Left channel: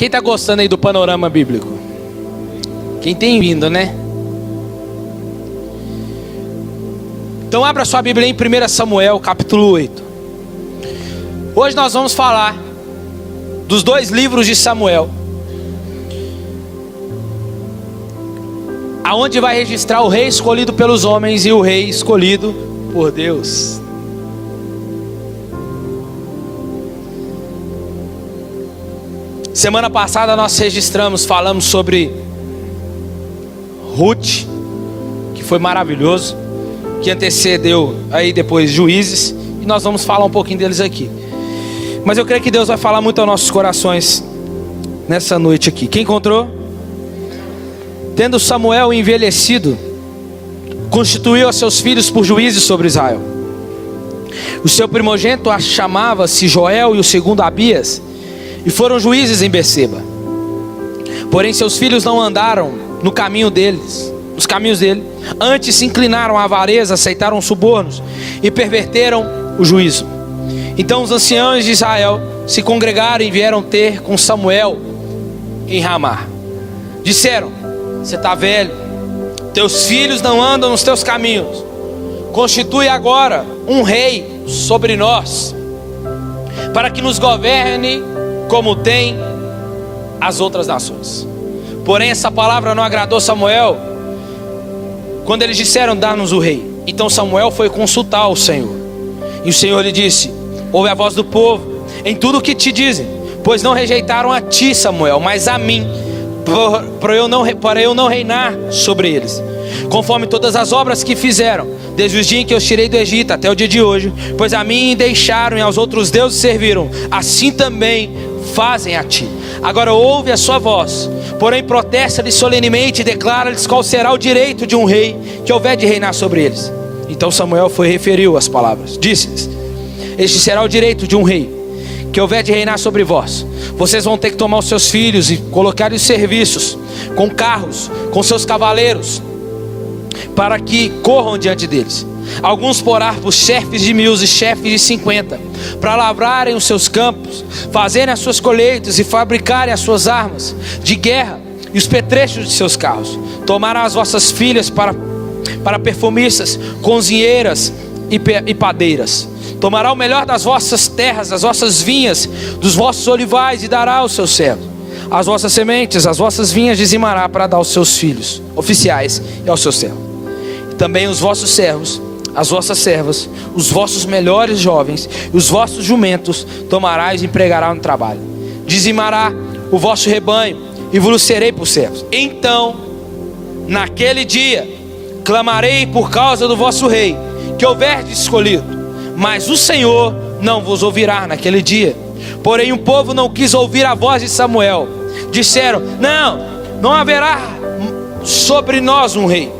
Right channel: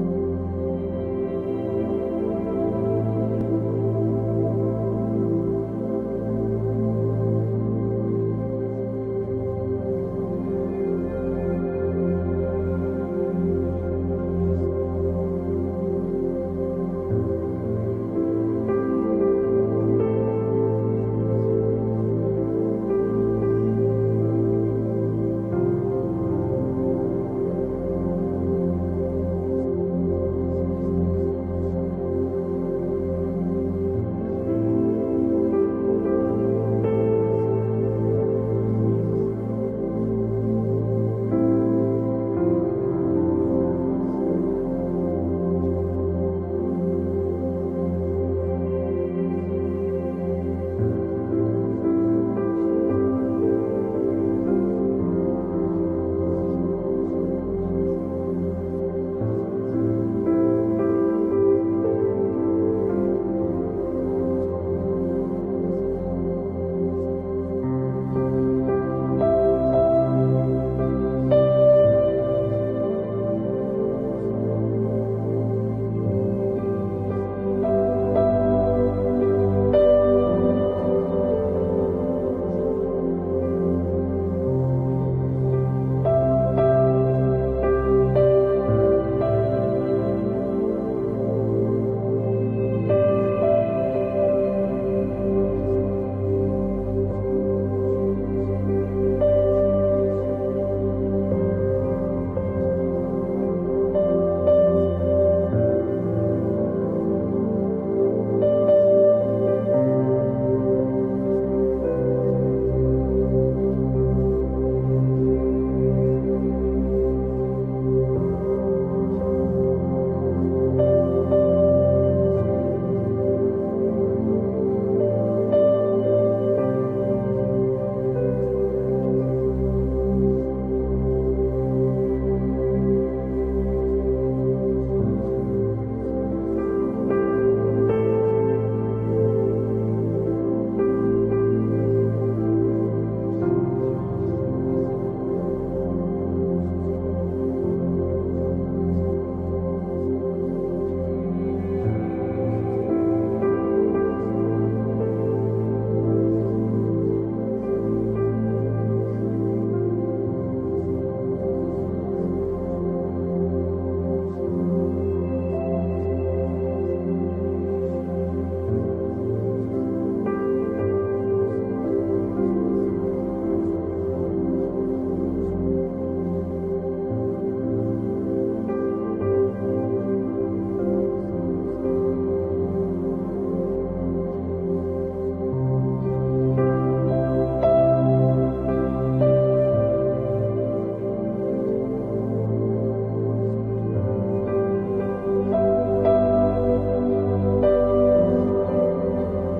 Quem está gostando aí do panorama bíblico? Quem tem vindo, né? Então abra sua Bíblia em 1 Samuel, capítulo 8. Hoje nós vamos falar dos dois livros de Samuel, aonde vai registrar o rei escolhido pelos homens e o rei escolhido por Deus. Semana passada nós falamos sobre Ruth, que foi maravilhoso, que antecedeu aí depois Juízes, e nós vamos falar um pouquinho deles aqui. Mas eu creio que Deus vai falar muito aos nossos corações nessa noite aqui. Quem encontrou? Tendo Samuel envelhecido, constituiu a seus filhos por juízes sobre Israel. O seu primogênito chamava-se Joel e o segundo Abias, e foram juízes em Berseba. Porém seus filhos não andaram nos caminhos dele, antes se inclinaram à avareza, aceitaram subornos e perverteram o juízo. Então os anciãos de Israel se congregaram e vieram ter com Samuel em Ramá. Disseram: você está velho, teus filhos não andam nos teus caminhos, constitui agora um rei sobre nós, para que nos governe como tem as outras nações. Porém essa palavra não agradou Samuel, quando eles disseram: dá-nos o rei. Então Samuel foi consultar o Senhor, e o Senhor lhe disse: ouve a voz do povo em tudo o que te dizem, pois não rejeitaram a ti, Samuel, mas a mim, para eu não reinar sobre eles, conforme todas as obras que fizeram, desde os dias em que eu os tirei do Egito até o dia de hoje. Pois a mim deixaram e aos outros deuses serviram, assim também fazem a ti. Agora ouve a sua voz, porém protesta-lhes solenemente e declara-lhes qual será o direito de um rei que houver de reinar sobre eles. Então Samuel referiu as palavras, disse-lhes: este será o direito de um rei que houver de reinar sobre vós. Vocês vão ter que tomar os seus filhos e colocar-lhes serviços, com carros, com seus cavaleiros, para que corram diante deles. Alguns porá por chefes de 1000 e chefes de 50, para lavrarem os seus campos, fazerem as suas colheitas e fabricarem as suas armas de guerra e os petrechos de seus carros. Tomarão as vossas filhas para perfumistas, cozinheiras e padeiras. Tomará o melhor das vossas terras, das vossas vinhas, dos vossos olivais, e dará aos seus servos. As vossas sementes, as vossas vinhas dizimará para dar aos seus filhos oficiais e aos seus servos. E também os vossos servos, as vossas servas, os vossos melhores jovens e os vossos jumentos tomarás e empregará no trabalho. Dizimará o vosso rebanho e vos serei por servos. Então, naquele dia, clamarei por causa do vosso rei, que houverdes escolhido, mas o Senhor não vos ouvirá naquele dia. Porém o povo não quis ouvir a voz de Samuel. Disseram: não haverá sobre nós um rei,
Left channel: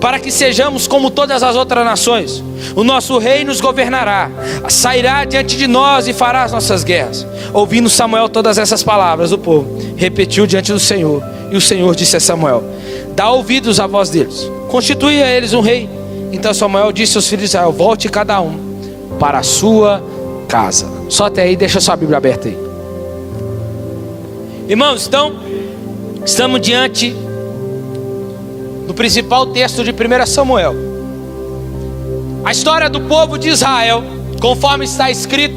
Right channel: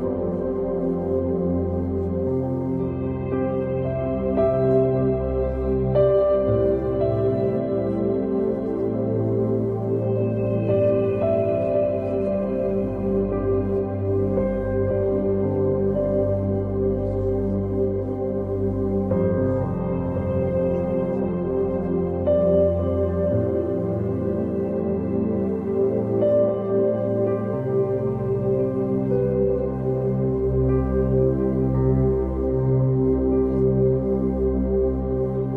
para que sejamos como todas as outras nações. O nosso rei nos governará, sairá diante de nós e fará as nossas guerras. Ouvindo Samuel todas essas palavras, o povo repetiu diante do Senhor. E o Senhor disse a Samuel: dá ouvidos à voz deles, constitui a eles um rei. Então Samuel disse aos filhos de Israel: volte cada um para a sua casa. Só até aí, deixa sua Bíblia aberta aí. Irmãos, então estamos diante do principal texto de 1 Samuel. A história do povo de Israel, conforme está escrito,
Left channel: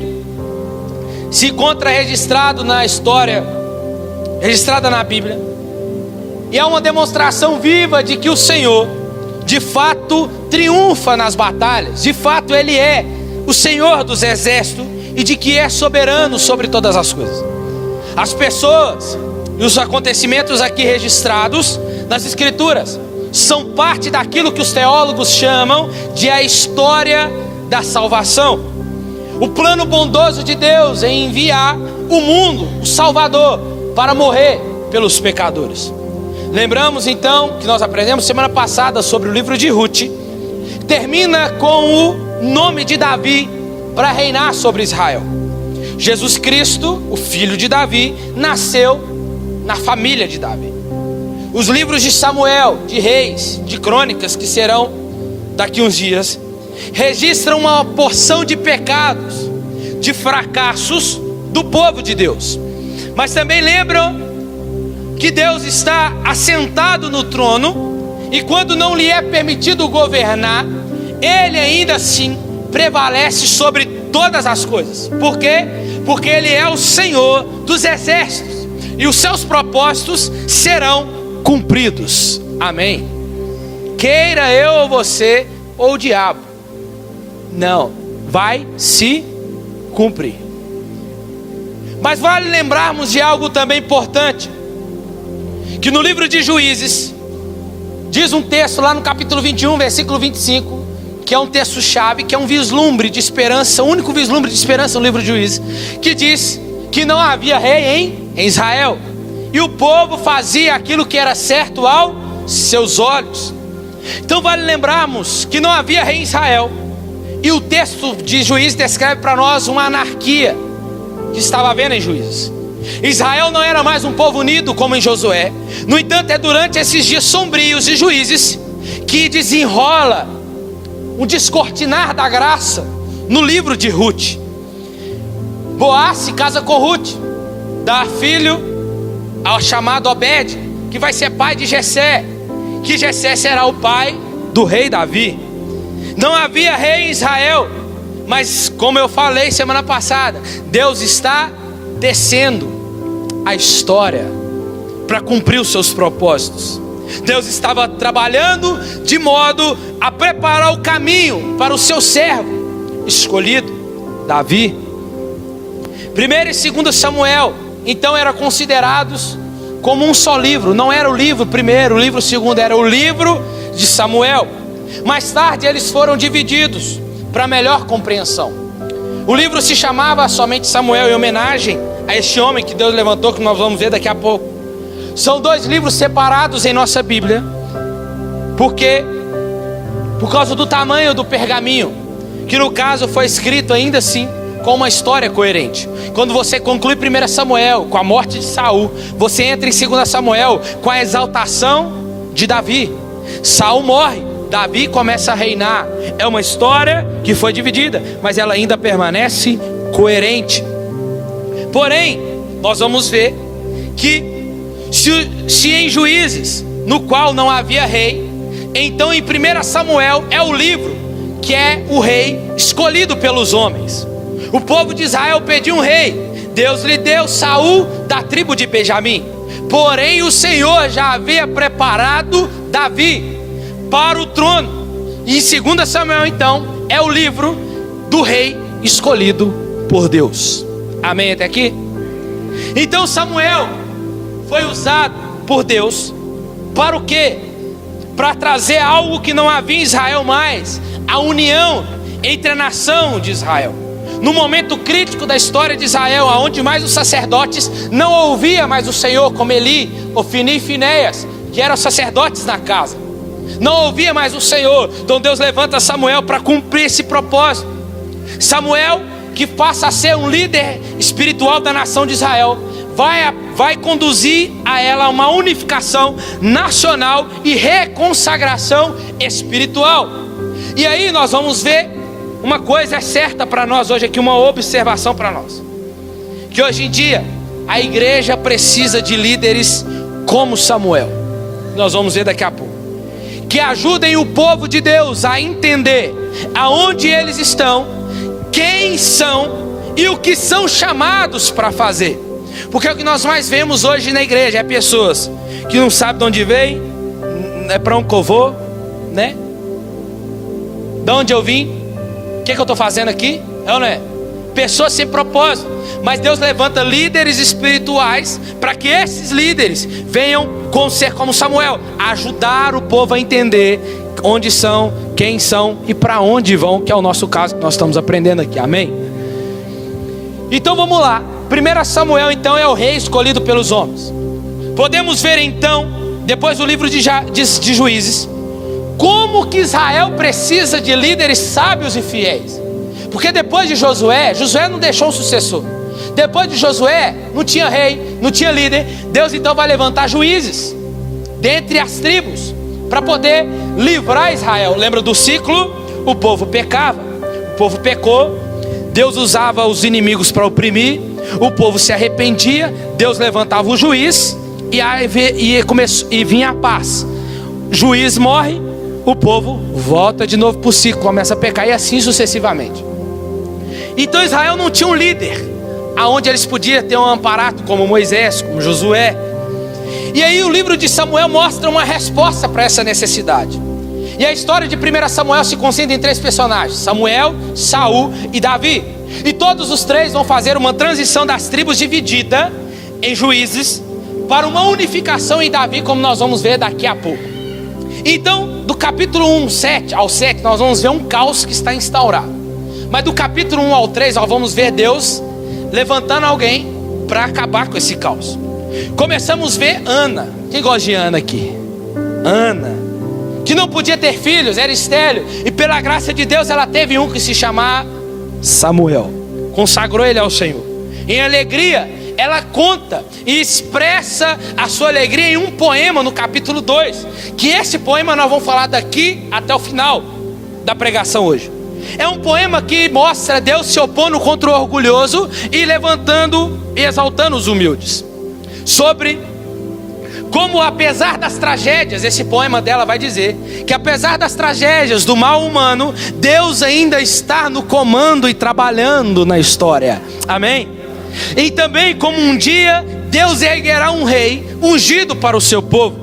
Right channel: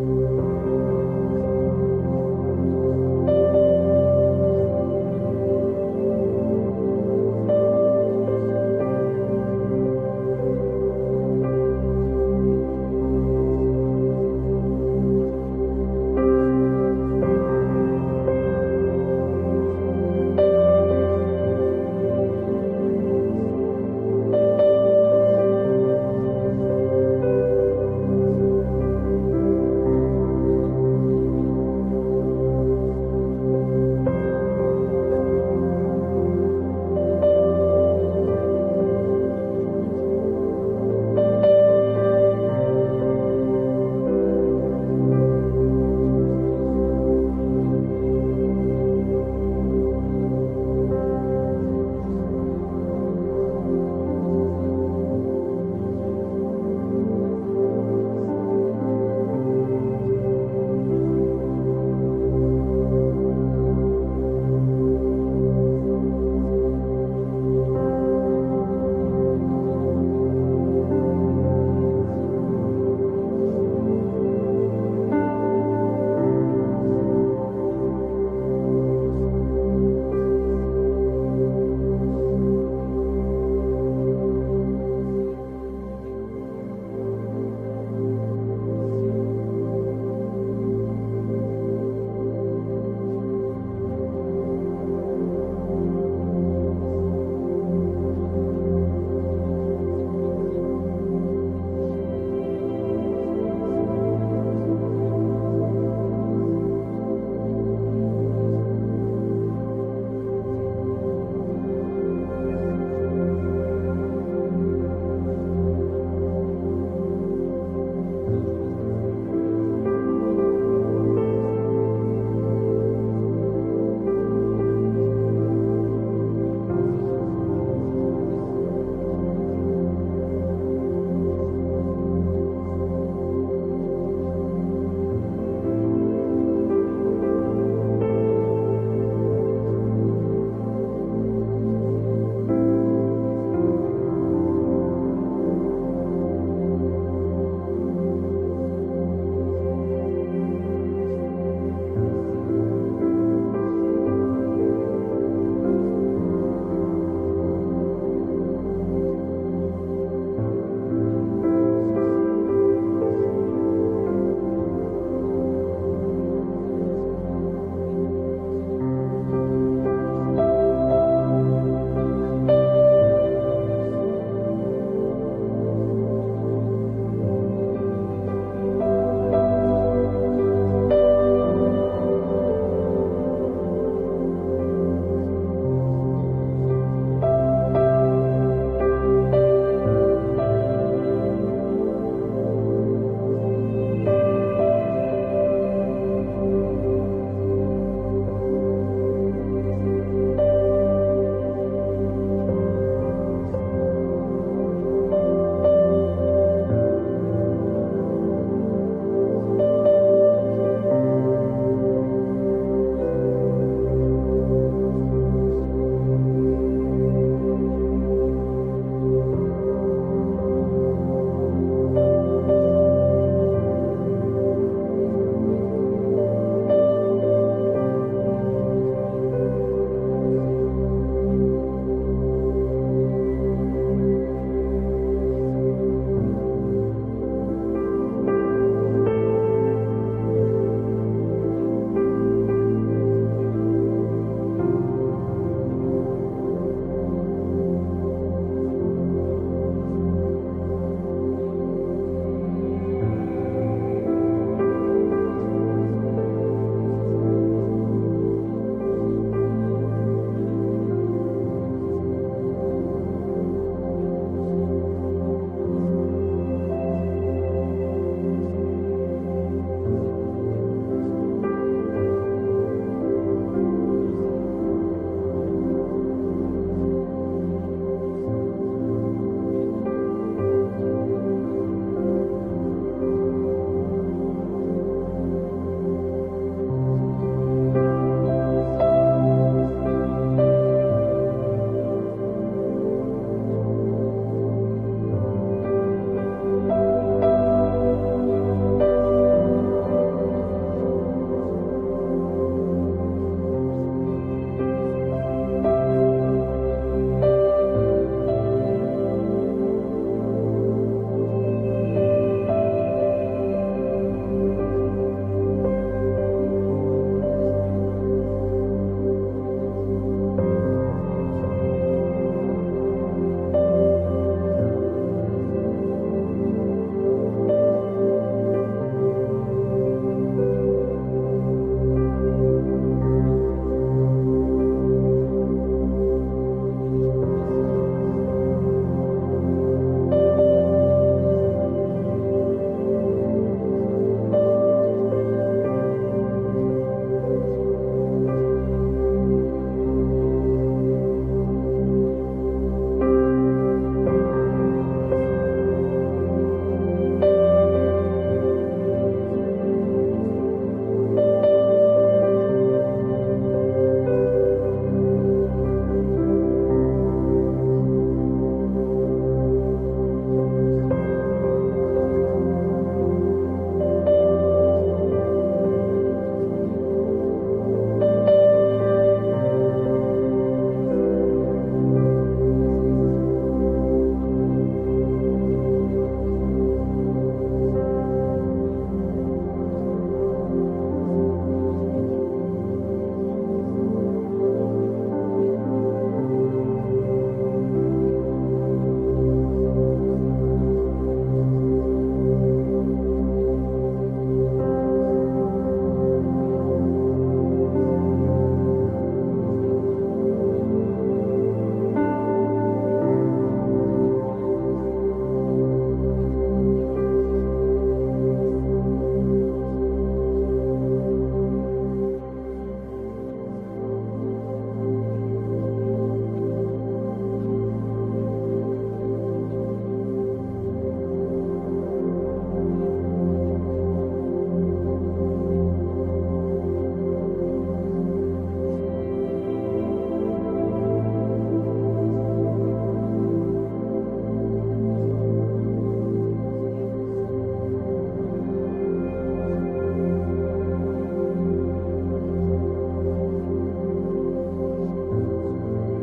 se encontra registrado na história, registrada na Bíblia, e é uma demonstração viva de que o Senhor de fato triunfa nas batalhas. De fato Ele é o Senhor dos exércitos e de que é soberano sobre todas as coisas. As pessoas e os acontecimentos aqui registrados nas Escrituras são parte daquilo que os teólogos chamam de a história da salvação. O plano bondoso de Deus em enviar o mundo, o Salvador, para morrer pelos pecadores. Lembramos então que nós aprendemos semana passada sobre o livro de Ruth. Termina com o nome de Davi para reinar sobre Israel. Jesus Cristo, o filho de Davi, nasceu na família de Davi. Os livros de Samuel, de Reis, de Crônicas, que serão daqui uns dias, registram uma porção de pecados, de fracassos do povo de Deus, mas também lembram que Deus está assentado no trono, e quando não lhe é permitido governar, Ele ainda assim prevalece sobre todas as coisas. Por quê? Porque Ele é o Senhor dos exércitos, e os seus propósitos serão cumpridos. Amém? Queira eu ou você ou o diabo, não, vai se cumprir. Mas vale lembrarmos de algo também importante, que no livro de Juízes diz um texto lá no capítulo 21, versículo 25, que é um texto chave, que é um vislumbre de esperança, o único vislumbre de esperança no livro de Juízes, que diz que não havia rei em Israel, e o povo fazia aquilo que era certo aos seus olhos. Então vale lembrarmos que não havia rei em Israel, e o texto de Juízes descreve para nós uma anarquia que estava havendo em Juízes. Israel não era mais um povo unido como em Josué. No entanto, é durante esses dias sombrios de Juízes que desenrola um descortinar da graça no livro de Ruth. Boaz se casa com Ruth, dá filho ao chamado Obed, que vai ser pai de Jessé, que Jessé será o pai do rei Davi. Não havia rei em Israel, mas como eu falei semana passada, Deus está descendo a história para cumprir os seus propósitos. Deus estava trabalhando de modo a preparar o caminho para o seu servo escolhido, Davi. 1 e 2 Samuel então eram considerados como um só livro. Não era o livro primeiro, o livro segundo, era o livro de Samuel. Mais tarde eles foram divididos para melhor compreensão. O livro se chamava somente Samuel, em homenagem a este homem que Deus levantou, que nós vamos ver daqui a pouco. São dois livros separados em nossa Bíblia, porque por causa do tamanho do pergaminho, que no caso foi escrito ainda assim com uma história coerente. Quando você conclui 1 Samuel com a morte de Saul, você entra em 2 Samuel com a exaltação de Davi. Saul morre, Davi começa a reinar. É uma história que foi dividida, mas ela ainda permanece coerente. Porém, nós vamos ver que se em Juízes, no qual não havia rei, então em 1 Samuel é o livro que é o rei escolhido pelos homens. O povo de Israel pediu um rei, Deus lhe deu Saul da tribo de Benjamim. Porém o Senhor já havia preparado Davi para o trono. E em 2 Samuel então é o livro do rei escolhido por Deus. Amém até aqui? Então Samuel foi usado por Deus para o quê? Para trazer algo que não havia em Israel mais, a união entre a nação de Israel. No momento crítico da história de Israel, onde mais os sacerdotes não ouviam mais o Senhor, como Eli, Ofni e Finéias, que eram sacerdotes na casa, não ouvia mais o Senhor. Então Deus levanta Samuel para cumprir esse propósito. Samuel, que passa a ser um líder espiritual da nação de Israel, vai conduzir a ela uma unificação nacional e reconsagração espiritual. E aí nós vamos ver uma coisa certa para nós hoje aqui, uma observação para nós, que hoje em dia a igreja precisa de líderes como Samuel. Nós vamos ver daqui a pouco, que ajudem o povo de Deus a entender aonde eles estão, quem são e o que são chamados para fazer. Porque o que nós mais vemos hoje na igreja é pessoas que não sabem de onde veio, é para onde eu vou, né? De onde eu vim, o que eu estou fazendo aqui? É ou não é? Pessoas sem propósito. Mas Deus levanta líderes espirituais para que esses líderes venham ser como Samuel, ajudar o povo a entender onde são, quem são e para onde vão, que é o nosso caso que nós estamos aprendendo aqui. Amém? Então vamos lá. 1 Samuel então é o rei escolhido pelos homens. Podemos ver então, depois do livro de Juízes, como que Israel precisa de líderes sábios e fiéis. Porque depois de Josué não deixou um sucessor. Depois de Josué não tinha rei, não tinha líder. Deus então vai levantar juízes dentre as tribos para poder livrar Israel. Lembra do ciclo? O povo pecava, o povo pecou, Deus usava os inimigos para oprimir, o povo se arrependia, Deus levantava o juiz e vinha a paz. Juiz morre, o povo volta de novo para o ciclo, começa a pecar, e assim sucessivamente. Então Israel não tinha um líder aonde eles podiam ter um amparato, como Moisés, como Josué. E aí o livro de Samuel mostra uma resposta para essa necessidade. E a história de 1 Samuel se concentra em 3 personagens: Samuel, Saul e Davi. E todos os 3 vão fazer uma transição das tribos divididas em juízes para uma unificação em Davi, como nós vamos ver daqui a pouco. Então, do capítulo 1 ao 7, nós vamos ver um caos que está instaurado. Mas do capítulo 1 ao 3, nós vamos ver Deus levantando alguém para acabar com esse caos. Começamos a ver Ana. Quem gosta de Ana aqui? Ana, que não podia ter filhos, era estéril, e pela graça de Deus ela teve um que se chamava Samuel. Consagrou ele ao Senhor. Em alegria, ela conta e expressa a sua alegria em um poema no capítulo 2, que esse poema nós vamos falar daqui até o final da pregação hoje. É um poema que mostra Deus se opondo contra o orgulhoso e levantando e exaltando os humildes. Sobre como, apesar das tragédias, esse poema dela vai dizer que apesar das tragédias do mal humano, Deus ainda está no comando e trabalhando na história. Amém? E também como um dia Deus erguerá um rei ungido para o seu povo.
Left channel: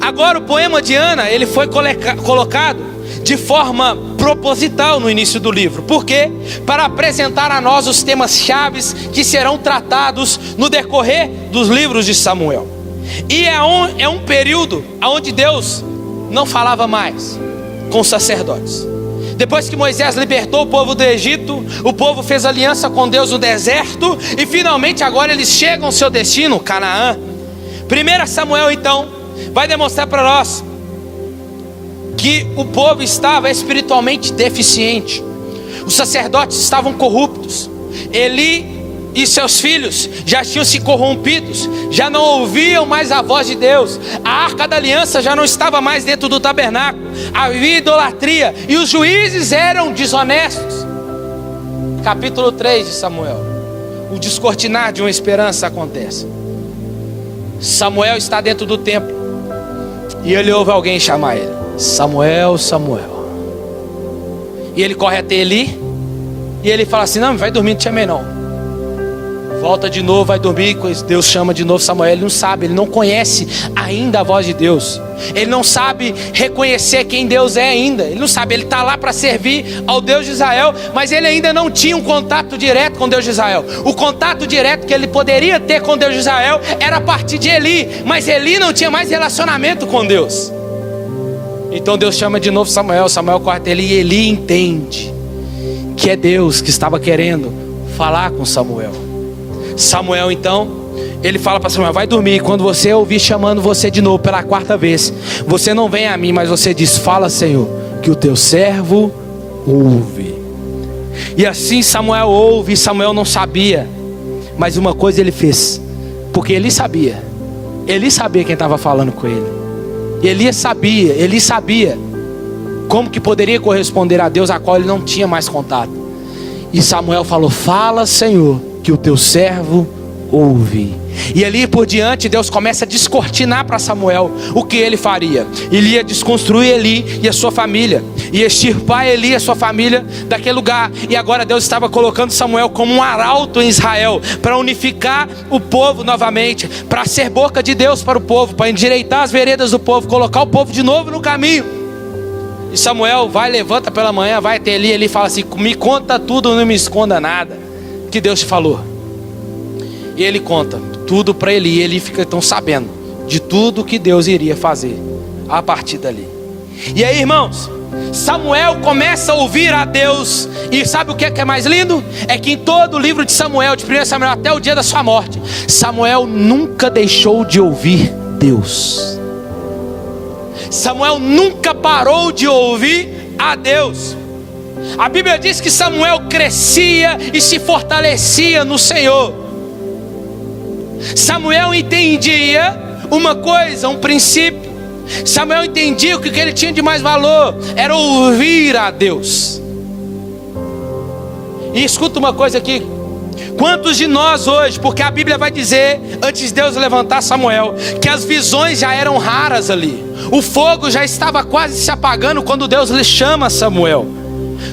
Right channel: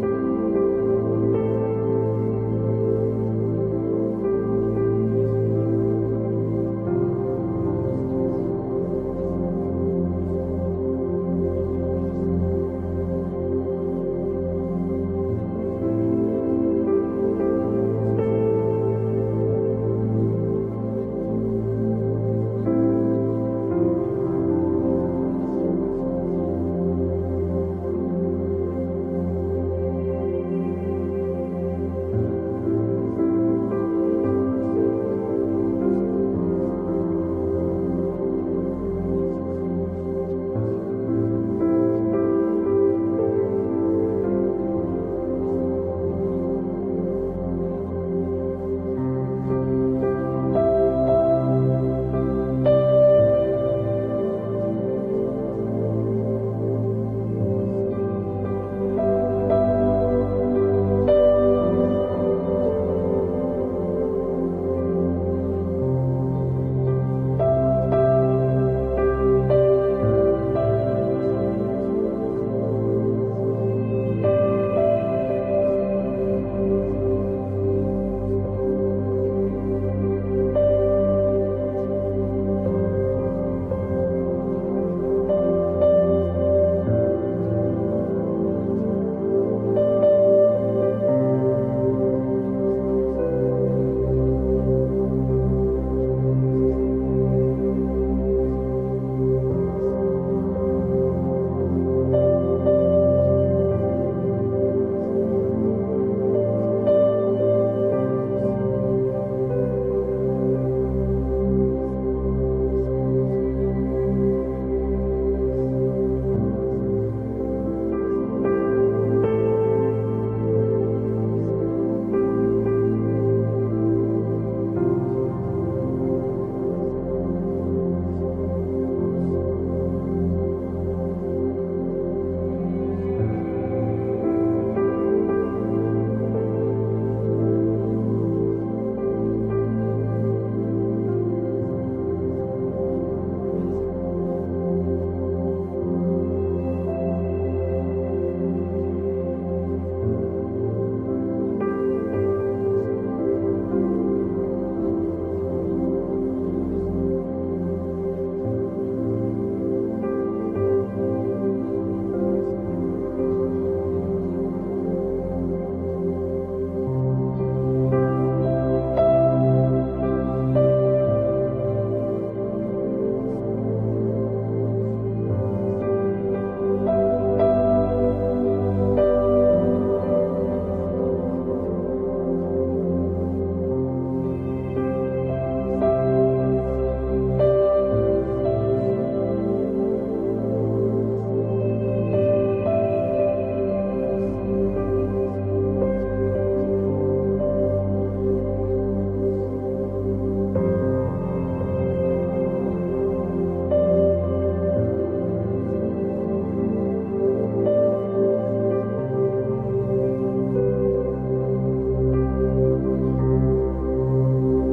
Agora o poema de Ana, ele foi colocado de forma proposital no início do livro. Por quê? Para apresentar a nós os temas chaves que serão tratados no decorrer dos livros de Samuel. E é um período onde Deus não falava mais com os sacerdotes. Depois que Moisés libertou o povo do Egito, o povo fez aliança com Deus no deserto, e finalmente agora eles chegam ao seu destino, Canaã. 1 Samuel então vai demonstrar para nós que o povo estava espiritualmente deficiente. Os sacerdotes estavam corruptos. Eli e seus filhos já tinham se corrompidos, já não ouviam mais a voz de Deus. A arca da aliança já não estava mais dentro do tabernáculo. Havia idolatria e os juízes eram desonestos. Capítulo 3 de Samuel, o descortinar de uma esperança acontece. Samuel está dentro do templo e ele ouve alguém chamar ele: Samuel, Samuel. E ele corre até Eli e ele fala assim: não, vai dormir, não te chamei não. Volta de novo, vai dormir. Deus chama de novo Samuel. Ele não sabe, ele não conhece ainda a voz de Deus. Ele não sabe reconhecer quem Deus é ainda. Ele não sabe, ele está lá para servir ao Deus de Israel, mas ele ainda não tinha um contato direto com Deus de Israel. O contato direto que ele poderia ter com Deus de Israel era a partir de Eli, mas Eli não tinha mais relacionamento com Deus. Então Deus chama de novo Samuel. Samuel corre até Eli e Eli entende que é Deus que estava querendo falar com Samuel. Samuel então, ele fala para Samuel: vai dormir. Quando você ouvir chamando você de novo pela 4ª vez, você não vem a mim, mas você diz: fala, Senhor, que o teu servo ouve. E assim Samuel ouve. E Samuel não sabia, mas uma coisa ele fez, porque ele sabia quem estava falando com ele. Eli sabia como que poderia corresponder a Deus, a qual ele não tinha mais contato. E Samuel falou: fala, Senhor, que o teu servo ouve. E ali por diante Deus começa a descortinar para Samuel o que ele faria. Ele ia desconstruir Eli e a sua família, ia extirpar Eli e a sua família daquele lugar. E agora Deus estava colocando Samuel como um arauto em Israel, para unificar o povo novamente, para ser boca de Deus para o povo, para endireitar as veredas do povo, colocar o povo de novo no caminho. E Samuel levanta pela manhã, vai até Eli. Ele fala assim: me conta tudo, não me esconda nada que Deus te falou. E ele conta tudo para Eli. E Eli fica então sabendo de tudo que Deus iria fazer a partir dali. E aí, irmãos, Samuel começa a ouvir a Deus. E sabe o que é mais lindo? É que em todo o livro de Samuel, de 1 Samuel até o dia da sua morte, Samuel nunca deixou de ouvir Deus. Samuel nunca parou de ouvir a Deus. A Bíblia diz que Samuel crescia e se fortalecia no Senhor. Samuel entendia uma coisa, um princípio. Samuel entendia que o que ele tinha de mais valor era ouvir a Deus. E escuta uma coisa aqui, Quantos de nós hoje, porque a Bíblia vai dizer, antes de Deus levantar Samuel, que as visões já eram raras ali, o fogo já estava quase se apagando quando Deus lhe chama Samuel.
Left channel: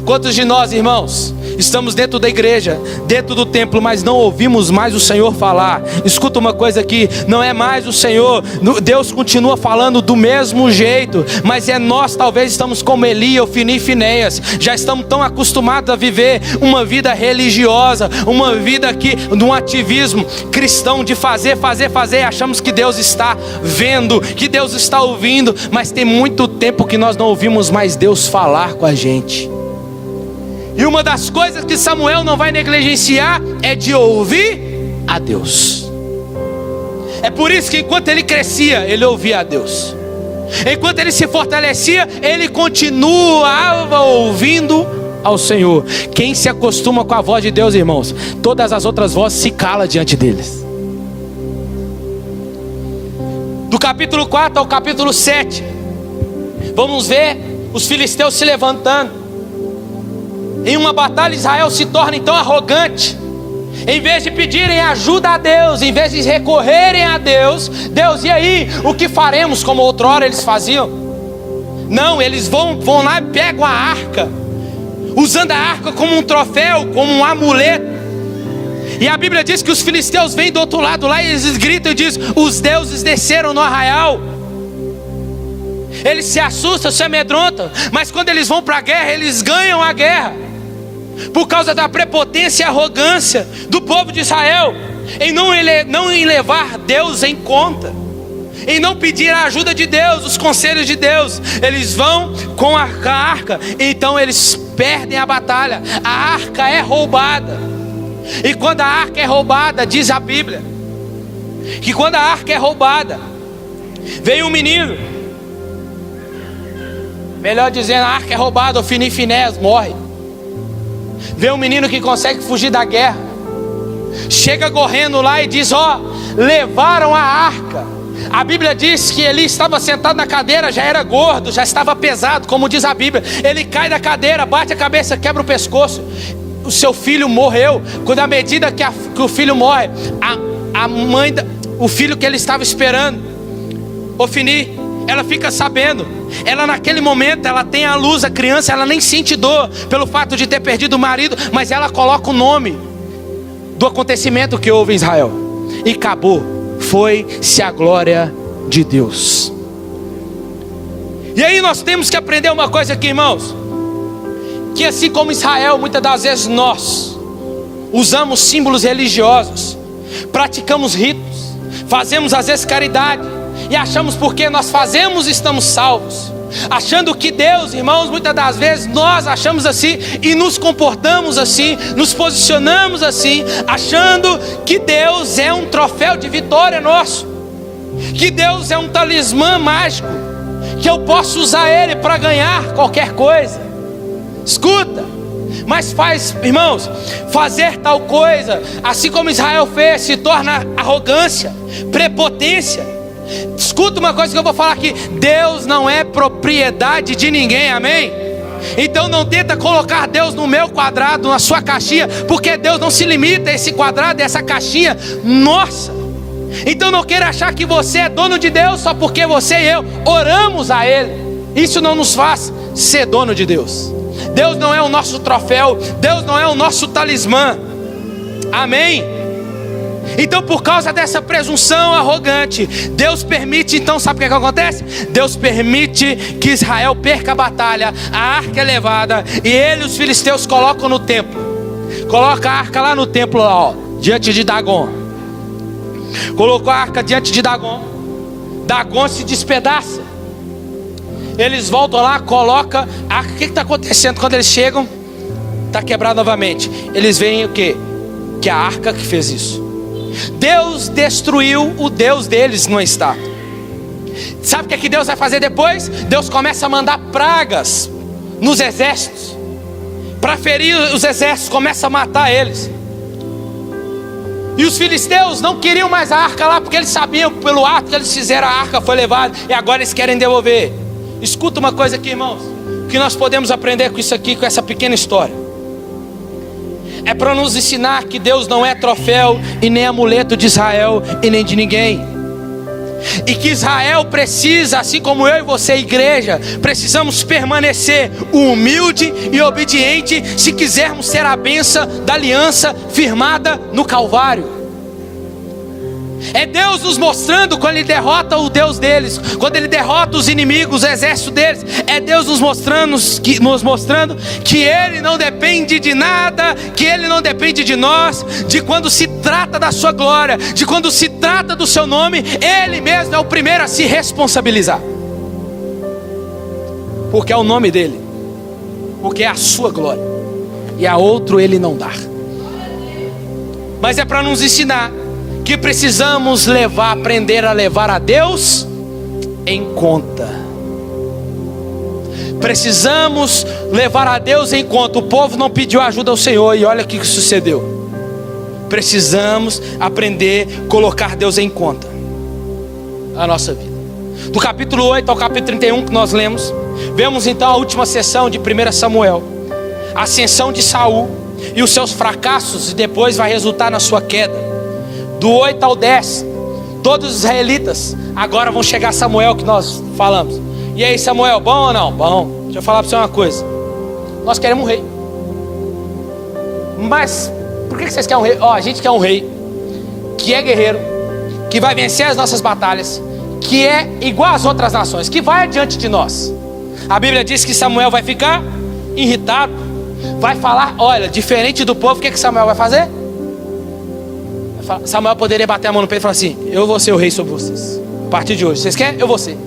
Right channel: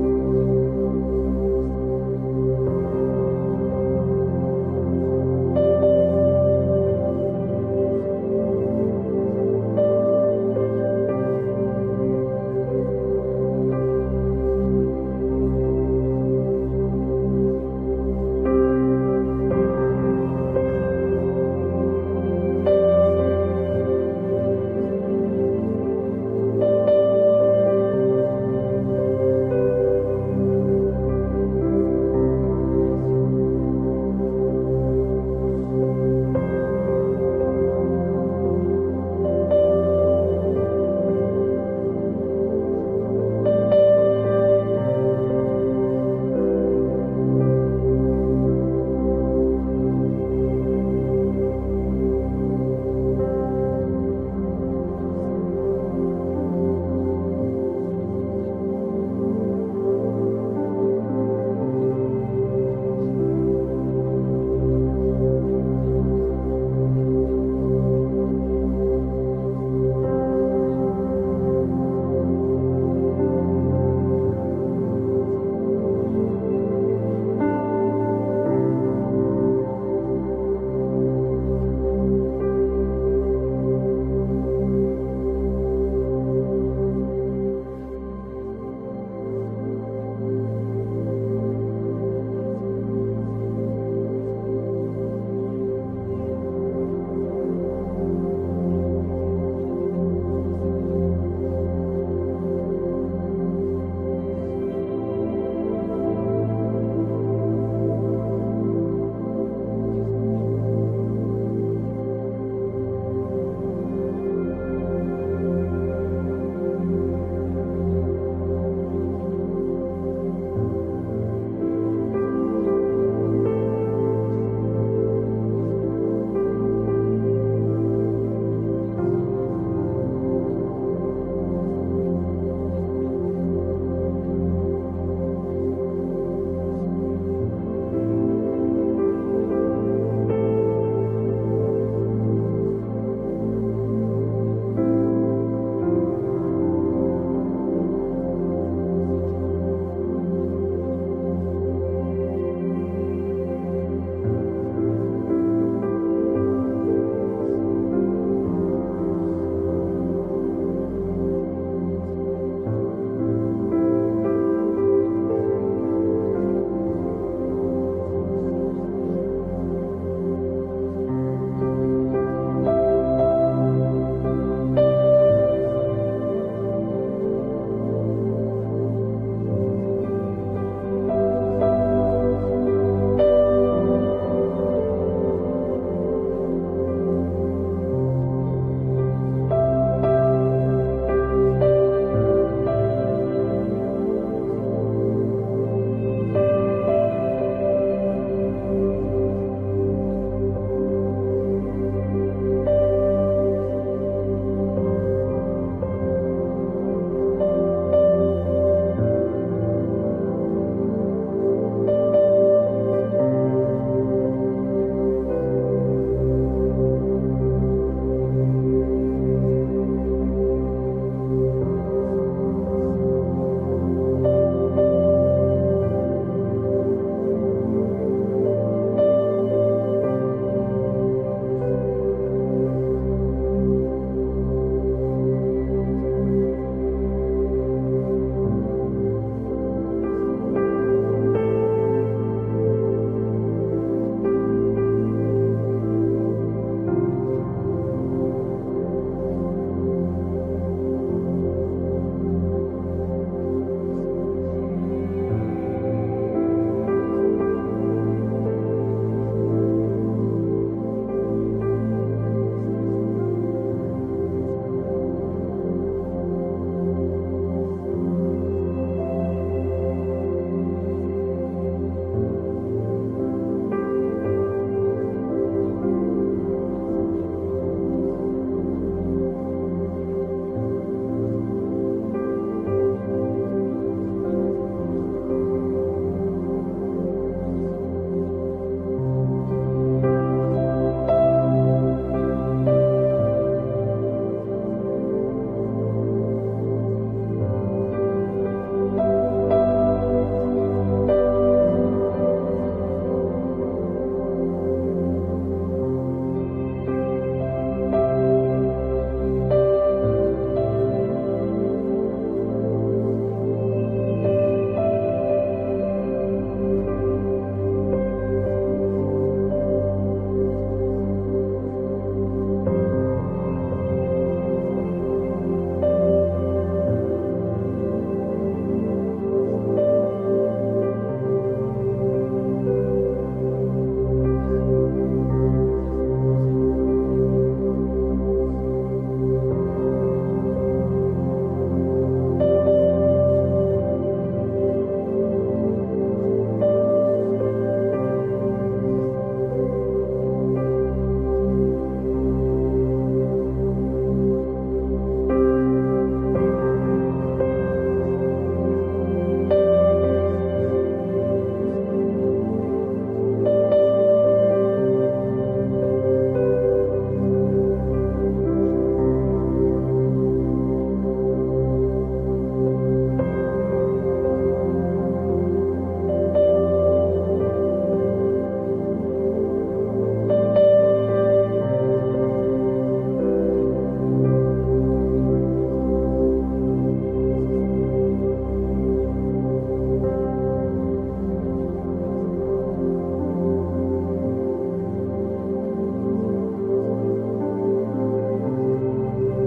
Quantos de nós, irmãos, estamos dentro da igreja, dentro do templo, mas não ouvimos mais o Senhor falar? Escuta uma coisa aqui, não é mais o Senhor, Deus continua falando do mesmo jeito, mas é nós, talvez estamos como Eli, Ofni e Finéias, já estamos tão acostumados a viver uma vida religiosa, uma vida aqui, de um ativismo cristão, de fazer, e achamos que Deus está vendo, que Deus está ouvindo, mas tem muito tempo que nós não ouvimos mais Deus falar com a gente. E uma das coisas que Samuel não vai negligenciar é de ouvir a Deus. É por isso que enquanto ele crescia, ele ouvia a Deus. Enquanto ele se fortalecia, ele continuava ouvindo ao Senhor. Quem se acostuma com a voz de Deus, irmãos, todas as outras vozes se calam diante deles. Do capítulo 4 ao capítulo 7, vamos ver os filisteus se levantando. Em uma batalha, Israel se torna então arrogante. Em vez de pedirem ajuda a Deus, em vez de recorrerem a Deus, e aí, o que faremos como outrora eles faziam? Não, eles vão lá e pegam a arca, usando a arca como um troféu, como um amuleto. E a Bíblia diz que os filisteus vêm do outro lado lá e eles gritam e dizem: os deuses desceram no arraial. Eles se assustam, se amedrontam, mas quando eles vão para a guerra, eles ganham a guerra. Por causa da prepotência e arrogância do povo de Israel, em não levar Deus em conta, em não pedir a ajuda de Deus, os conselhos de Deus. Eles vão com a arca, então eles perdem a batalha. A arca é roubada. E quando a arca é roubada, diz a Bíblia, que quando a arca é roubada, vem um menino, melhor dizendo, a arca é roubada, Ofni e Finéias morre. Vê um menino que consegue fugir da guerra, chega correndo lá e diz: levaram a arca. A Bíblia diz que ele estava sentado na cadeira, já era gordo, já estava pesado, como diz a Bíblia. Ele cai da cadeira, bate a cabeça, quebra o pescoço. O seu filho morreu. Quando à medida que o filho morre, a mãe, o filho que ele estava esperando, Ofni, ela fica sabendo. Ela naquele momento, ela tem a luz, a criança, ela nem sente dor pelo fato de ter perdido o marido, mas ela coloca o nome do acontecimento que houve em Israel. E acabou, foi-se a glória de Deus. E aí nós temos que aprender uma coisa aqui, irmãos, que assim como Israel, muitas das vezes nós usamos símbolos religiosos, praticamos ritos, fazemos às vezes caridade, e achamos porque nós fazemos estamos salvos, achando que Deus, irmãos, muitas das vezes nós achamos assim e nos comportamos assim, nos posicionamos assim, achando que Deus é um troféu de vitória nosso, que Deus é um talismã mágico, que eu posso usar ele para ganhar qualquer coisa. Escuta, mas irmãos, fazer tal coisa, assim como Israel fez, se torna arrogância, prepotência. Escuta uma coisa que eu vou falar aqui: Deus não é propriedade de ninguém, amém? Então não tenta colocar Deus no meu quadrado, na sua caixinha, porque Deus não se limita a esse quadrado, a essa caixinha nossa. Então não queira achar que você é dono de Deus só porque você e eu oramos a Ele. Isso não nos faz ser dono de Deus. Deus não é o nosso troféu, Deus não é o nosso talismã, amém? Então por causa dessa presunção arrogante, Deus permite, então sabe o que acontece? Deus permite que Israel perca a batalha, a arca é levada, e ele e os filisteus colocam no templo. Coloca a arca lá no templo, lá, diante de Dagon. Colocou a arca diante de Dagon. Dagon se despedaça. Eles voltam lá, colocam a arca. O que está acontecendo? Quando eles chegam, está quebrado novamente. Eles veem o quê? Que a arca que fez isso. Deus destruiu o Deus deles numa estátua. Sabe o que Deus vai fazer depois? Deus começa a mandar pragas nos exércitos, para ferir os exércitos, começa a matar eles. E os filisteus não queriam mais a arca lá, porque eles sabiam pelo ato que eles fizeram, a arca foi levada, e agora eles querem devolver. Escuta uma coisa aqui, irmãos, que nós podemos aprender com isso aqui, com essa pequena história. É para nos ensinar que Deus não é troféu e nem amuleto de Israel e nem de ninguém. E que Israel precisa, assim como eu e você, igreja, precisamos permanecer humilde e obediente se quisermos ser a bênção da aliança firmada no Calvário. É Deus nos mostrando quando Ele derrota o Deus deles, quando Ele derrota os inimigos, o exército deles. É Deus nos mostrando que Ele não depende de nada, que Ele não depende de nós, de quando se trata da sua glória, de quando se trata do seu nome, Ele mesmo é o primeiro a se responsabilizar. Porque é o nome dEle, porque é a sua glória, e a outro Ele não dá. Mas é para nos ensinar que precisamos aprender a levar a Deus em conta. Precisamos levar a Deus em conta. O povo não pediu ajuda ao Senhor, e olha o que sucedeu. Precisamos aprender a colocar Deus em conta na nossa vida. Do capítulo 8 ao capítulo 31 que nós lemos, vemos então a última sessão de 1 Samuel, a ascensão de Saul e os seus fracassos, e depois vai resultar na sua queda. Do 8 ao 10, todos os israelitas agora vão chegar a Samuel, que nós falamos. E aí, Samuel, bom ou não? Bom. Deixa eu falar para você uma coisa. Nós queremos um rei. Mas por que vocês querem um rei? A gente quer um rei que é guerreiro, que vai vencer as nossas batalhas, que é igual às outras nações, que vai adiante de nós. A Bíblia diz que Samuel vai ficar irritado, vai falar, olha, diferente do povo, o que Samuel vai fazer? Samuel poderia bater a mão no peito e falar assim: eu vou ser o rei sobre vocês, a partir de hoje, vocês querem? Eu vou ser.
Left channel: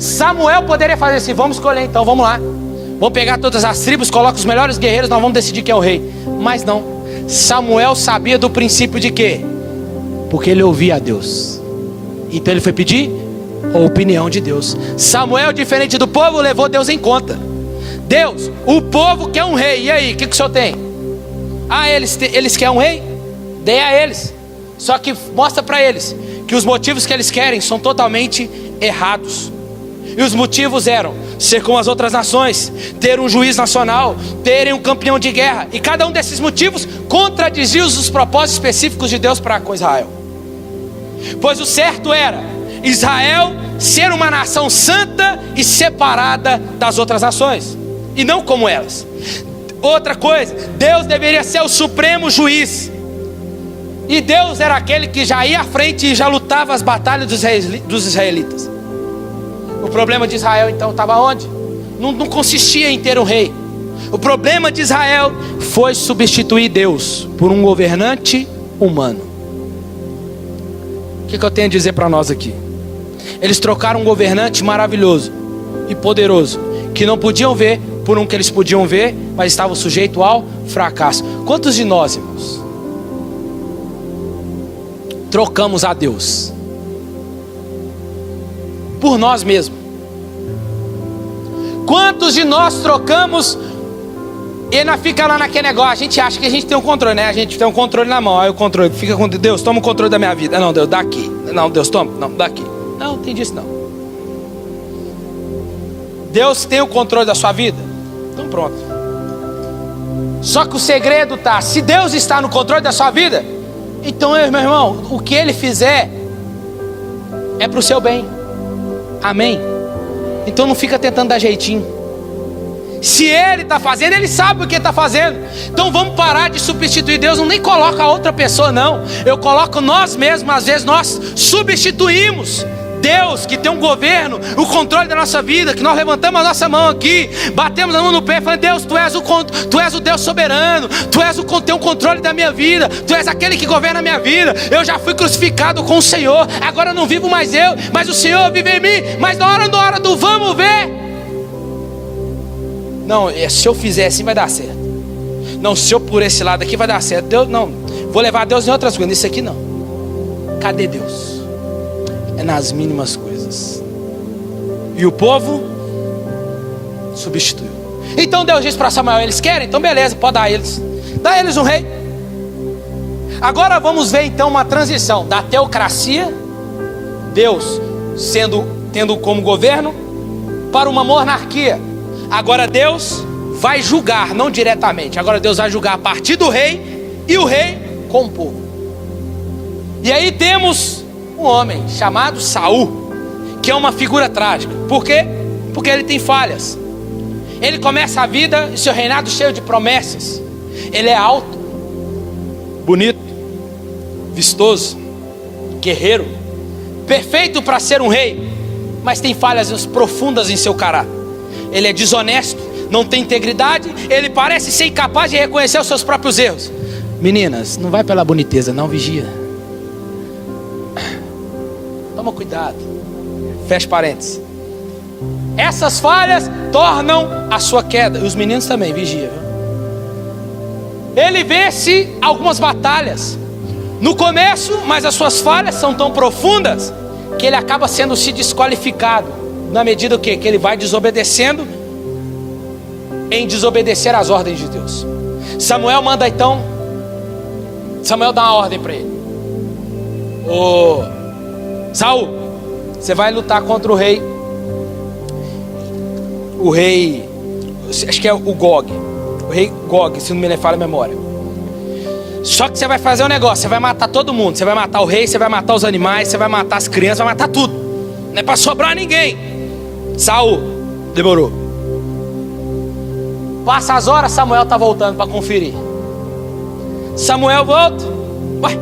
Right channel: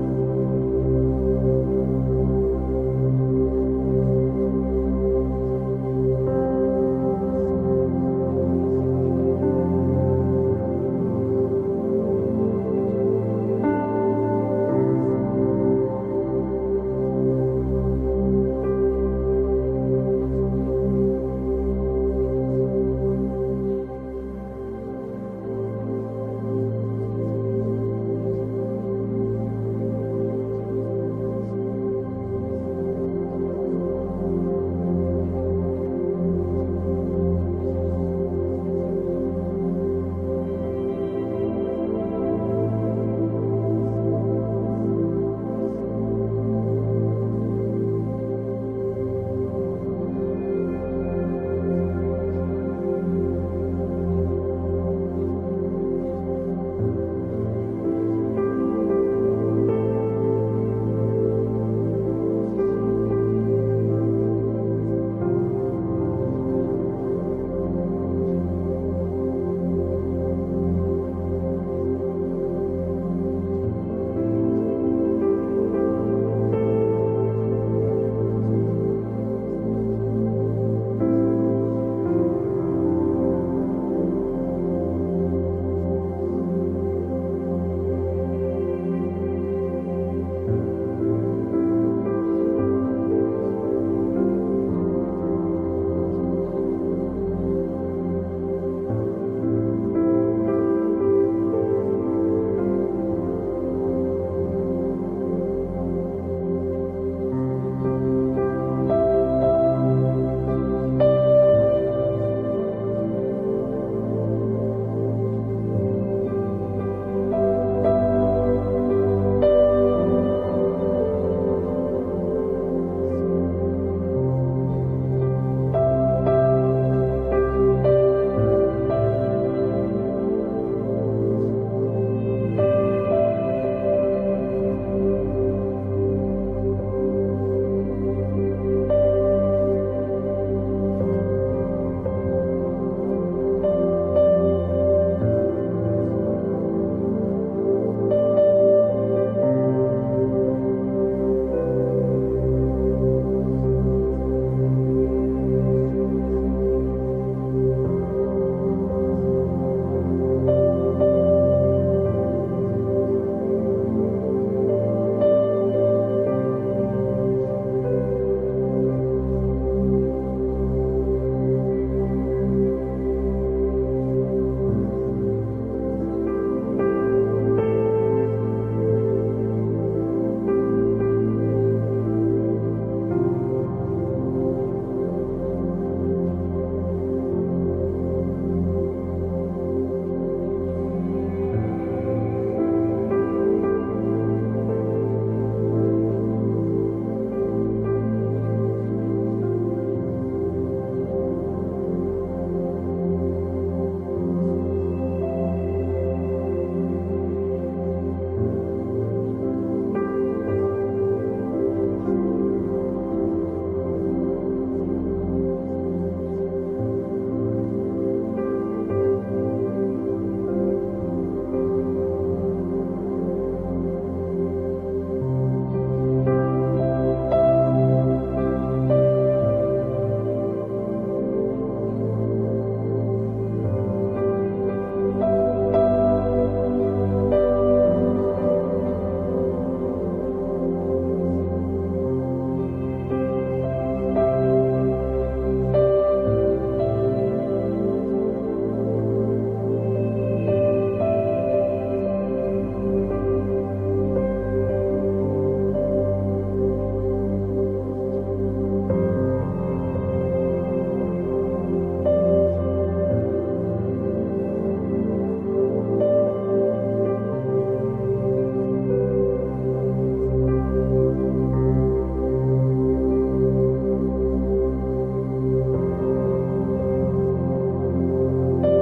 Samuel poderia fazer assim: vamos escolher então, vamos lá, vamos pegar todas as tribos, coloca os melhores guerreiros, nós vamos decidir quem é o rei. Mas não, Samuel sabia do princípio de quê? Porque ele ouvia a Deus, então ele foi pedir a opinião de Deus. Samuel, diferente do povo, levou Deus em conta. Deus, o povo quer um rei, e aí, o que o senhor tem? Eles querem um rei? Dê a eles. Só que mostra para eles que os motivos que eles querem são totalmente errados. E os motivos eram ser como as outras nações, ter um juiz nacional, terem um campeão de guerra. E cada um desses motivos contradizia os propósitos específicos de Deus para com Israel. Pois o certo era Israel ser uma nação santa e separada das outras nações, e não como elas. Outra coisa, Deus deveria ser o supremo juiz, e Deus era aquele que já ia à frente e já lutava as batalhas dos israelitas. O problema de Israel então estava onde? Não consistia em ter um rei. O problema de Israel foi substituir Deus por um governante humano. O que eu tenho a dizer para nós aqui? Eles trocaram um governante maravilhoso e poderoso, que não podiam ver, por um que eles podiam ver, mas estavam sujeitos ao fracasso. Quantos de nós, irmãos, trocamos a Deus por nós mesmos? Quantos de nós trocamos e ainda fica lá naquele negócio? A gente acha que a gente tem um controle, né? A gente tem um controle na mão, aí o controle fica com Deus, toma o controle da minha vida. Não, Deus, daqui. Não, Deus, toma. Não, daqui. Não, tem disso não. Deus tem o controle da sua vida? Então pronto. Só que o segredo está, se Deus está no controle da sua vida, então meu irmão, o que Ele fizer é para o seu bem. Amém? Então não fica tentando dar jeitinho. Se Ele está fazendo, Ele sabe o que está fazendo. Então vamos parar de substituir Deus. Não nem coloca outra pessoa não. Eu coloco nós mesmos. Às vezes nós substituímos Deus, que tem um governo, o controle da nossa vida, que nós levantamos a nossa mão aqui, batemos a mão no pé, falando: Deus, tu és o Deus soberano, tem o controle da minha vida, tu és aquele que governa a minha vida. Eu já fui crucificado com o Senhor, agora não vivo mais eu, mas o Senhor vive em mim. Mas na hora do vamos ver, não, se eu fizer assim vai dar certo. Não, se eu por esse lado aqui vai dar certo. Deus, não, vou levar Deus em outras coisas, nisso aqui não. Cadê Deus? É nas mínimas coisas. E o povo substituiu. Então Deus disse para Samuel: eles querem? Então beleza, pode dar a eles. Dá a eles um rei. Agora vamos ver então uma transição da teocracia, Deus tendo como governo, para uma monarquia. Agora Deus vai julgar, não diretamente. Agora Deus vai julgar a partir do rei e o rei com o povo. E aí temos um homem chamado Saul, que é uma figura trágica. Por quê? Porque ele tem falhas. Ele começa a vida e seu reinado cheio de promessas. Ele é alto, bonito, vistoso, guerreiro, perfeito para ser um rei, mas tem falhas profundas em seu caráter. Ele é desonesto, não tem integridade, ele parece ser incapaz de reconhecer os seus próprios erros. Meninas, não vai pela boniteza, não, vigia. Toma cuidado. Fecha parênteses. Essas falhas tornam a sua queda. E os meninos também, vigia. Ele vence algumas batalhas no começo, mas as suas falhas são tão profundas que ele acaba sendo se desqualificado, na medida que ele vai desobedecendo, em desobedecer às ordens de Deus. Samuel manda então, Samuel dá uma ordem para ele: ô Saul, você vai lutar contra o rei, acho que é o Gog, o rei Gog, se não me falha a memória. Só que você vai fazer um negócio, você vai matar todo mundo. Você vai matar o rei, você vai matar os animais, você vai matar as crianças, vai matar tudo. Não é para sobrar ninguém. Saul, demorou. Passa as horas, Samuel está voltando para conferir. Samuel volta. Ué,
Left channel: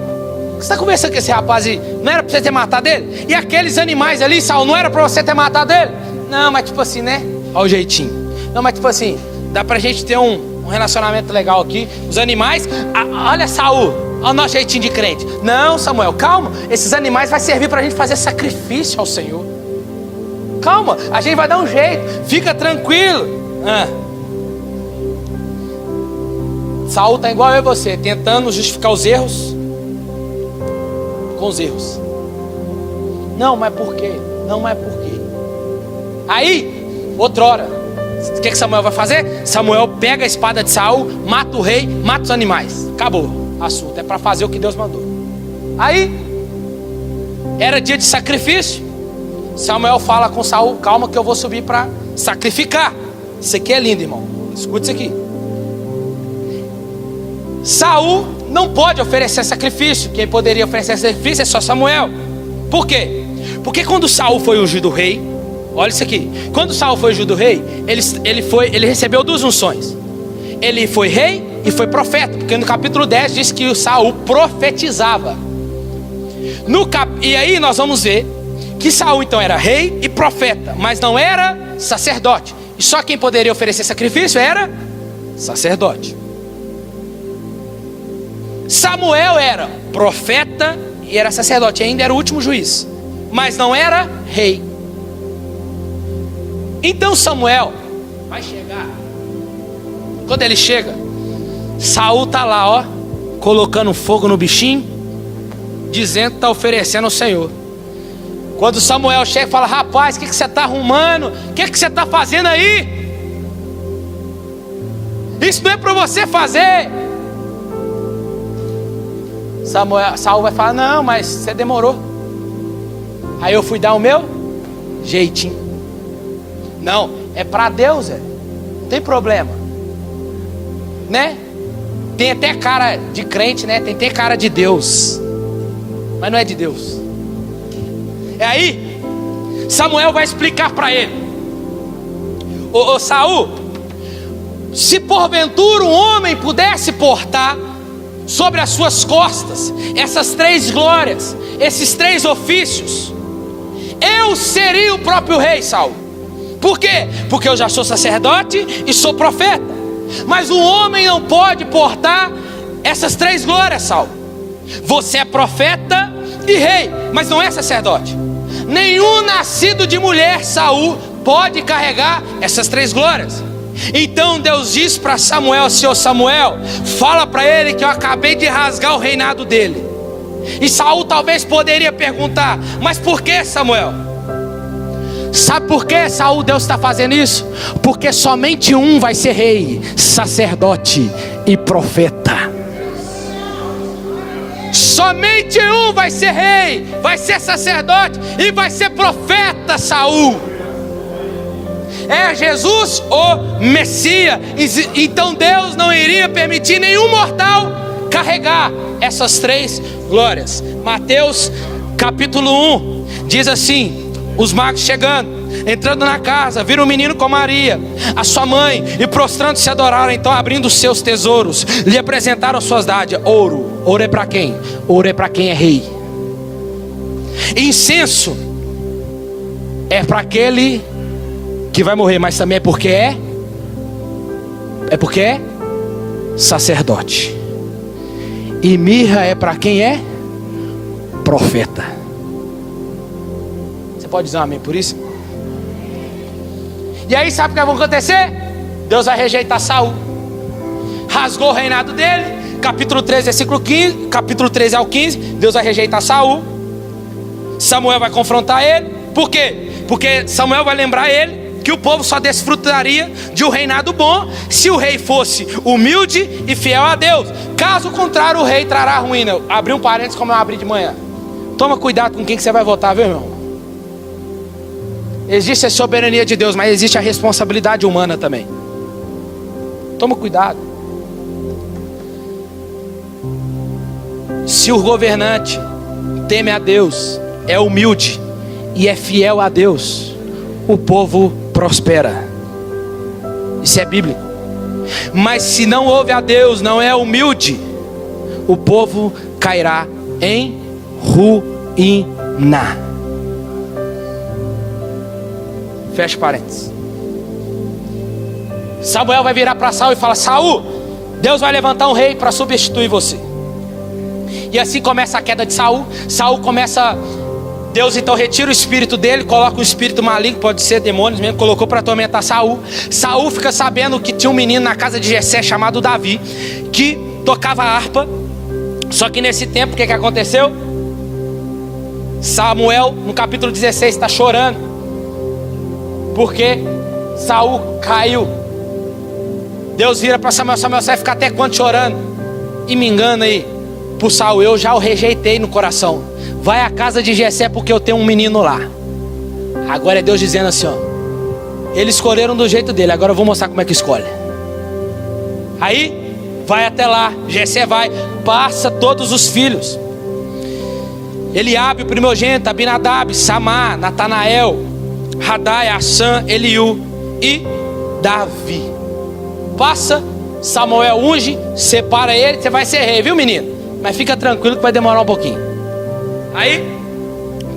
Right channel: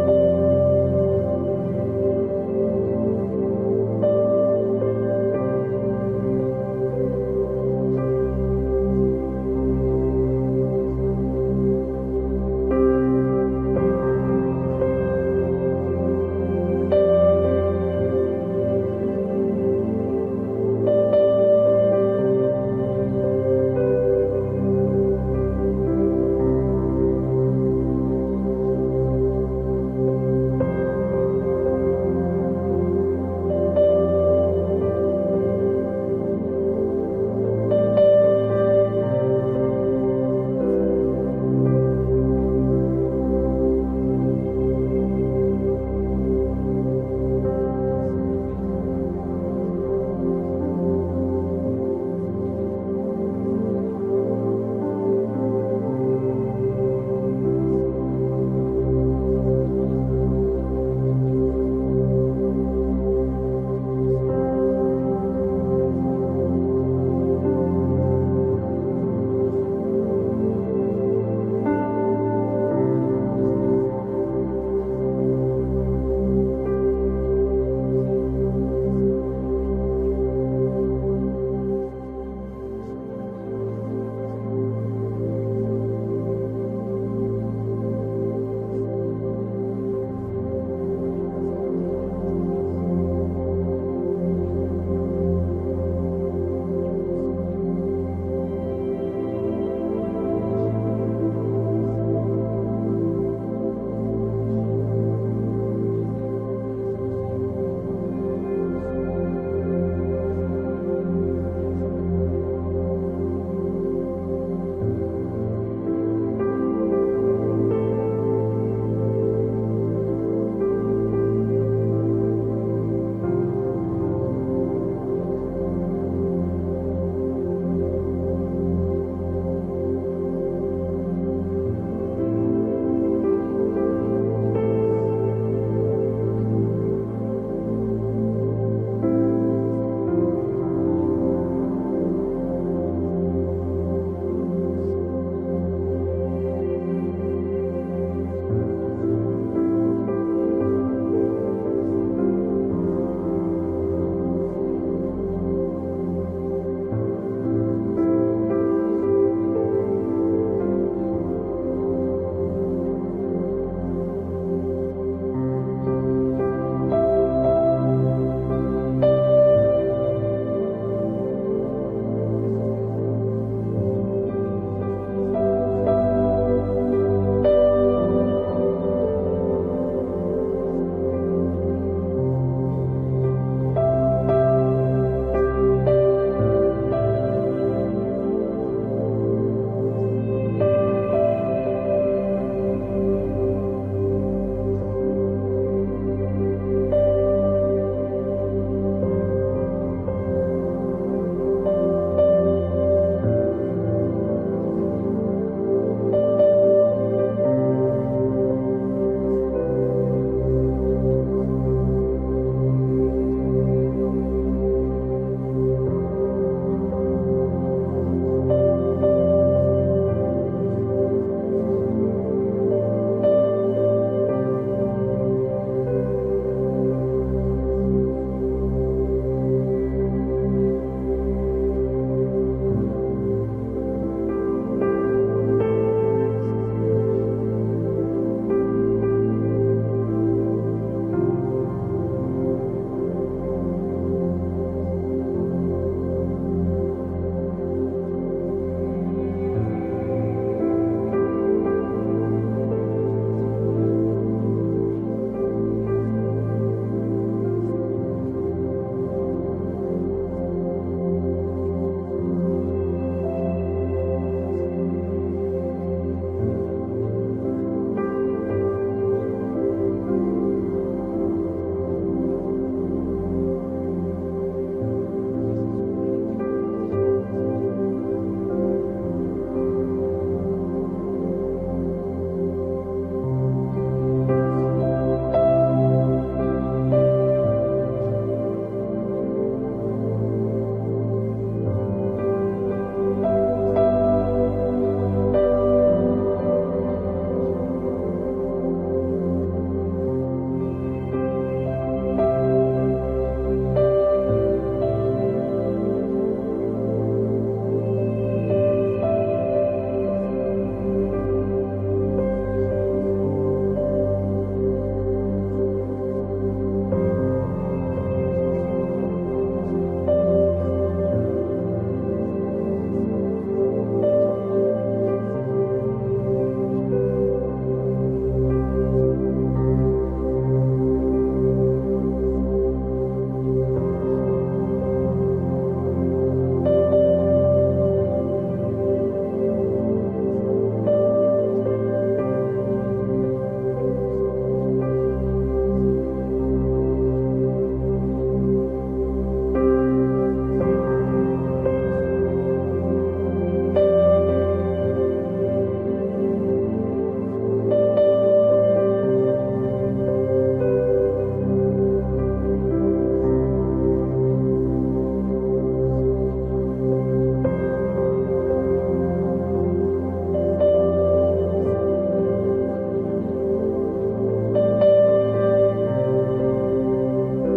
você está conversando com esse rapaz aí? Não era para você ter matado ele? E aqueles animais ali, Saul, não era para você ter matado ele? Não, mas tipo assim, né? Olha o jeitinho. Não, mas tipo assim, dá pra gente ter um relacionamento legal aqui. Os animais, olha Saul, olha o nosso jeitinho de crente. Não, Samuel, calma. Esses animais vai servir pra gente fazer sacrifício ao Senhor. Calma, a gente vai dar um jeito. Fica tranquilo. Saul tá igual eu e você, tentando justificar os erros com os erros. Não, mas por quê? Não é por quê? Aí, outrora, o que Samuel vai fazer? Samuel pega a espada de Saul, mata o rei, mata os animais. Acabou o assunto, é para fazer o que Deus mandou. Aí, era dia de sacrifício. Samuel fala com Saul: calma que eu vou subir para sacrificar. Isso aqui é lindo, irmão. Escute isso aqui. Saul não pode oferecer sacrifício. Quem poderia oferecer sacrifício é só Samuel. Por quê? Porque quando Saul foi ungido rei, olha isso aqui. Quando Saul foi ungido rei, ele recebeu duas unções. Ele foi rei e foi profeta. Porque no capítulo 10 diz que o Saul profetizava. E aí nós vamos ver que Saul então era rei e profeta, mas não era sacerdote. E só quem poderia oferecer sacrifício era sacerdote. Samuel era profeta e era sacerdote, ainda era o último juiz, mas não era rei. Então Samuel vai chegar. Quando ele chega, Saul está lá, ó, colocando fogo no bichinho, dizendo que está oferecendo ao Senhor. Quando Samuel chega e fala: rapaz, o que você está arrumando? O que você está fazendo aí? Isso não é para você fazer. Saul vai falar: não, mas você demorou. Aí eu fui dar o meu jeitinho. Não, é para Deus, não tem problema, né? Tem até cara de crente, né? Tem até cara de Deus, mas não é de Deus. É aí Samuel vai explicar para ele: ô Saul, se porventura um homem pudesse portar sobre as suas costas essas três glórias, esses três ofícios, eu seria o próprio rei, Saul. Por quê? Porque eu já sou sacerdote e sou profeta. Mas um homem não pode portar essas três glórias, Saul. Você é profeta e rei, mas não é sacerdote. Nenhum nascido de mulher, Saul, pode carregar essas três glórias. Então Deus diz para Samuel: Senhor Samuel, fala para ele que eu acabei de rasgar o reinado dele. E Saul talvez poderia perguntar: mas por que, Samuel? Sabe por que, Saul, Deus está fazendo isso? Porque somente um vai ser rei, sacerdote e profeta. Somente um vai ser rei, vai ser sacerdote e vai ser profeta, Saul. é Jesus o Messias. Então Deus não iria permitir nenhum mortal carregar essas três glórias. Mateus capítulo 1 diz assim: os magos chegando, entrando na casa, viram um menino com Maria, a sua mãe, e prostrando-se adoraram. Então, abrindo os seus tesouros, lhe apresentaram suas dádivas. Ouro é para quem? Ouro é para quem é rei. Incenso é para aquele que vai morrer, mas também é porque é sacerdote. E mirra é para quem é profeta. Você pode dizer um amém por isso? E aí sabe o que vai acontecer? Deus vai rejeitar Saul. Rasgou o reinado dele. Capítulo 13, versículo 15. Capítulo 13 ao 15. Deus vai rejeitar Saul. Samuel vai confrontar ele. Por quê? Porque Samuel vai lembrar ele que o povo só desfrutaria de um reinado bom se o rei fosse humilde e fiel a Deus. Caso contrário, o rei trará ruína. Abri um parênteses como eu abri de manhã. Toma cuidado com quem que você vai votar, viu, irmão? Existe a soberania de Deus, mas existe a responsabilidade humana também. Toma cuidado. Se o governante teme a Deus, é humilde e é fiel a Deus, o povo prospera. Isso é bíblico. Mas se não ouve a Deus, não é humilde, o povo cairá em ruína. Fecha parênteses. Samuel vai virar para Saul e fala: Saul, Deus vai levantar um rei para substituir você. E assim começa a queda de Saul. Saul começa... Deus então retira o espírito dele, coloca um espírito maligno, pode ser demônios mesmo, colocou para atormentar Saul. Saul fica sabendo que tinha um menino na casa de Jessé chamado Davi, que tocava harpa. Só que nesse tempo, o que aconteceu? Samuel, no capítulo 16, está chorando, porque Saul caiu. Deus vira para Samuel: Samuel, você vai ficar até quando chorando? E me engana aí, por Saul, eu já o rejeitei no coração. Vai à casa de Jessé porque eu tenho um menino lá. Agora é Deus dizendo assim, ó: eles escolheram do jeito dele, agora eu vou mostrar como é que escolhe. Aí, vai até lá, Jessé vai, passa todos os filhos. Eliabe, o primogênito, Abinadab, Samar, Natanael, Radai, Assã, Eliú e Davi. Passa, Samuel unge, separa ele, você vai ser rei, viu, menino? Mas fica tranquilo que vai demorar um pouquinho. Aí,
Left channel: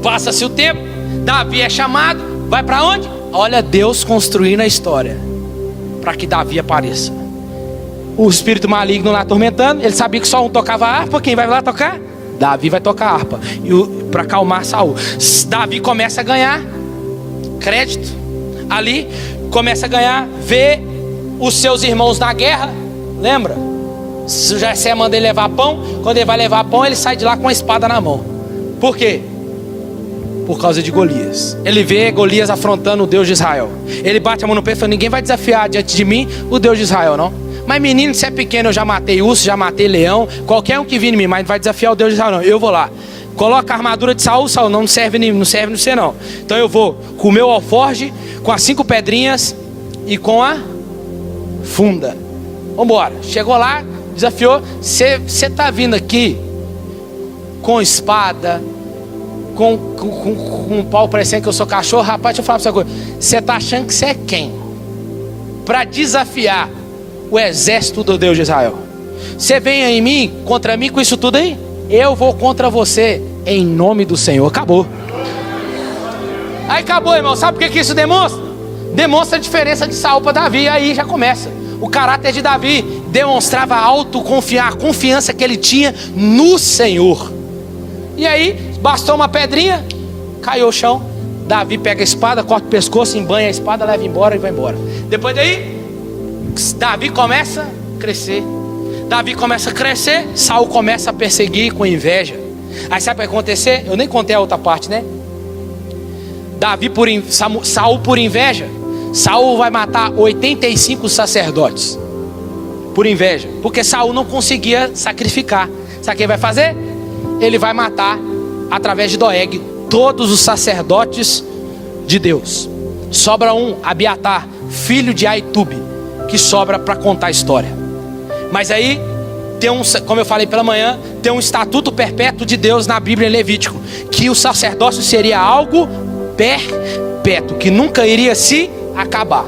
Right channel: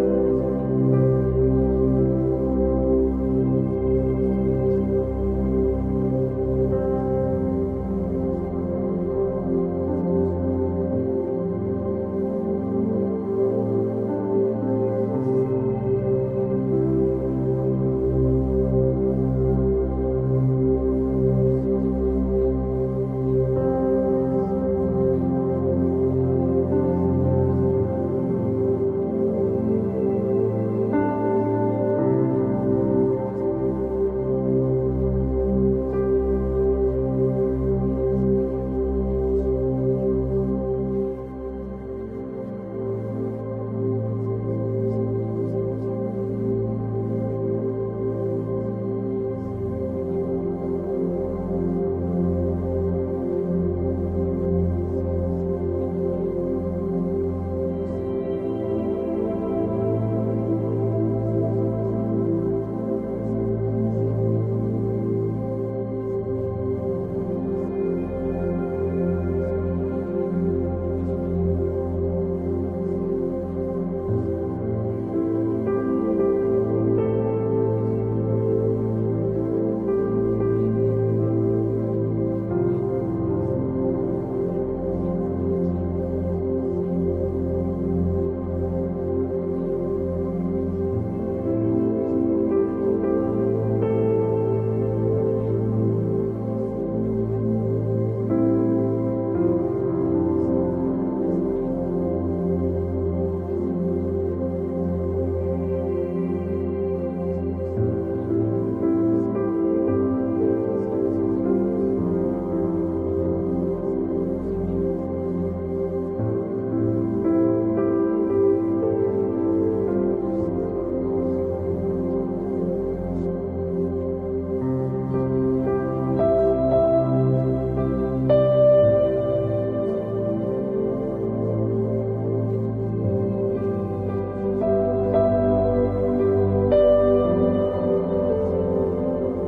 passa-se o tempo, Davi é chamado, vai para onde? Olha Deus construindo a história para que Davi apareça. O espírito maligno lá atormentando, ele sabia que só um tocava harpa. Quem vai lá tocar? Davi vai tocar harpa, para acalmar Saul. Davi começa a ganhar crédito ali, começa a ganhar, vê os seus irmãos na guerra. Lembra? Jessé manda ele levar pão. Quando ele vai levar pão, ele sai de lá com a espada na mão. Por quê? Por causa de Golias. Ele vê Golias afrontando o Deus de Israel. Ele bate a mão no peito e fala: ninguém vai desafiar diante de mim o Deus de Israel, não. Mas menino, se é pequeno, eu já matei urso, já matei leão, qualquer um que vir em mim, mas vai desafiar o Deus de Israel, não. Eu vou lá. Coloca a armadura de Saul. Saul, não serve no você não. Então eu vou com o meu alforge, com as 5 pedrinhas e com a funda. Vambora. Chegou lá, desafiou. Você está vindo aqui com espada, com um pau parecendo que eu sou cachorro. Rapaz, deixa eu falar pra você uma coisa: você está achando que você é quem? Para desafiar o exército do Deus de Israel? Você vem em mim, contra mim com isso tudo aí? Eu vou contra você em nome do Senhor. Acabou. Aí acabou, irmão. Sabe por que isso demonstra? Demonstra a diferença de Saul para Davi. Aí já começa. O caráter de Davi demonstrava a confiança que ele tinha no Senhor. E aí, bastou uma pedrinha, caiu ao chão. Davi pega a espada, corta o pescoço, embanha a espada, leva embora e vai embora. Depois daí, Davi começa a crescer. Saul começa a perseguir com inveja. Aí sabe o que vai acontecer? Eu nem contei a outra parte, né? Saul por inveja, Saul vai matar 85 sacerdotes. Por inveja, porque Saul não conseguia sacrificar. Sabe o que ele vai fazer? Ele vai matar, através de Doeg, todos os sacerdotes de Deus. sobra um, Abiatar, filho de Aitube, que sobra para contar a história. Mas aí tem como eu falei pela manhã, tem um estatuto perpétuo de Deus na Bíblia em Levítico, que o sacerdócio seria algo perpétuo, que nunca iria se acabar.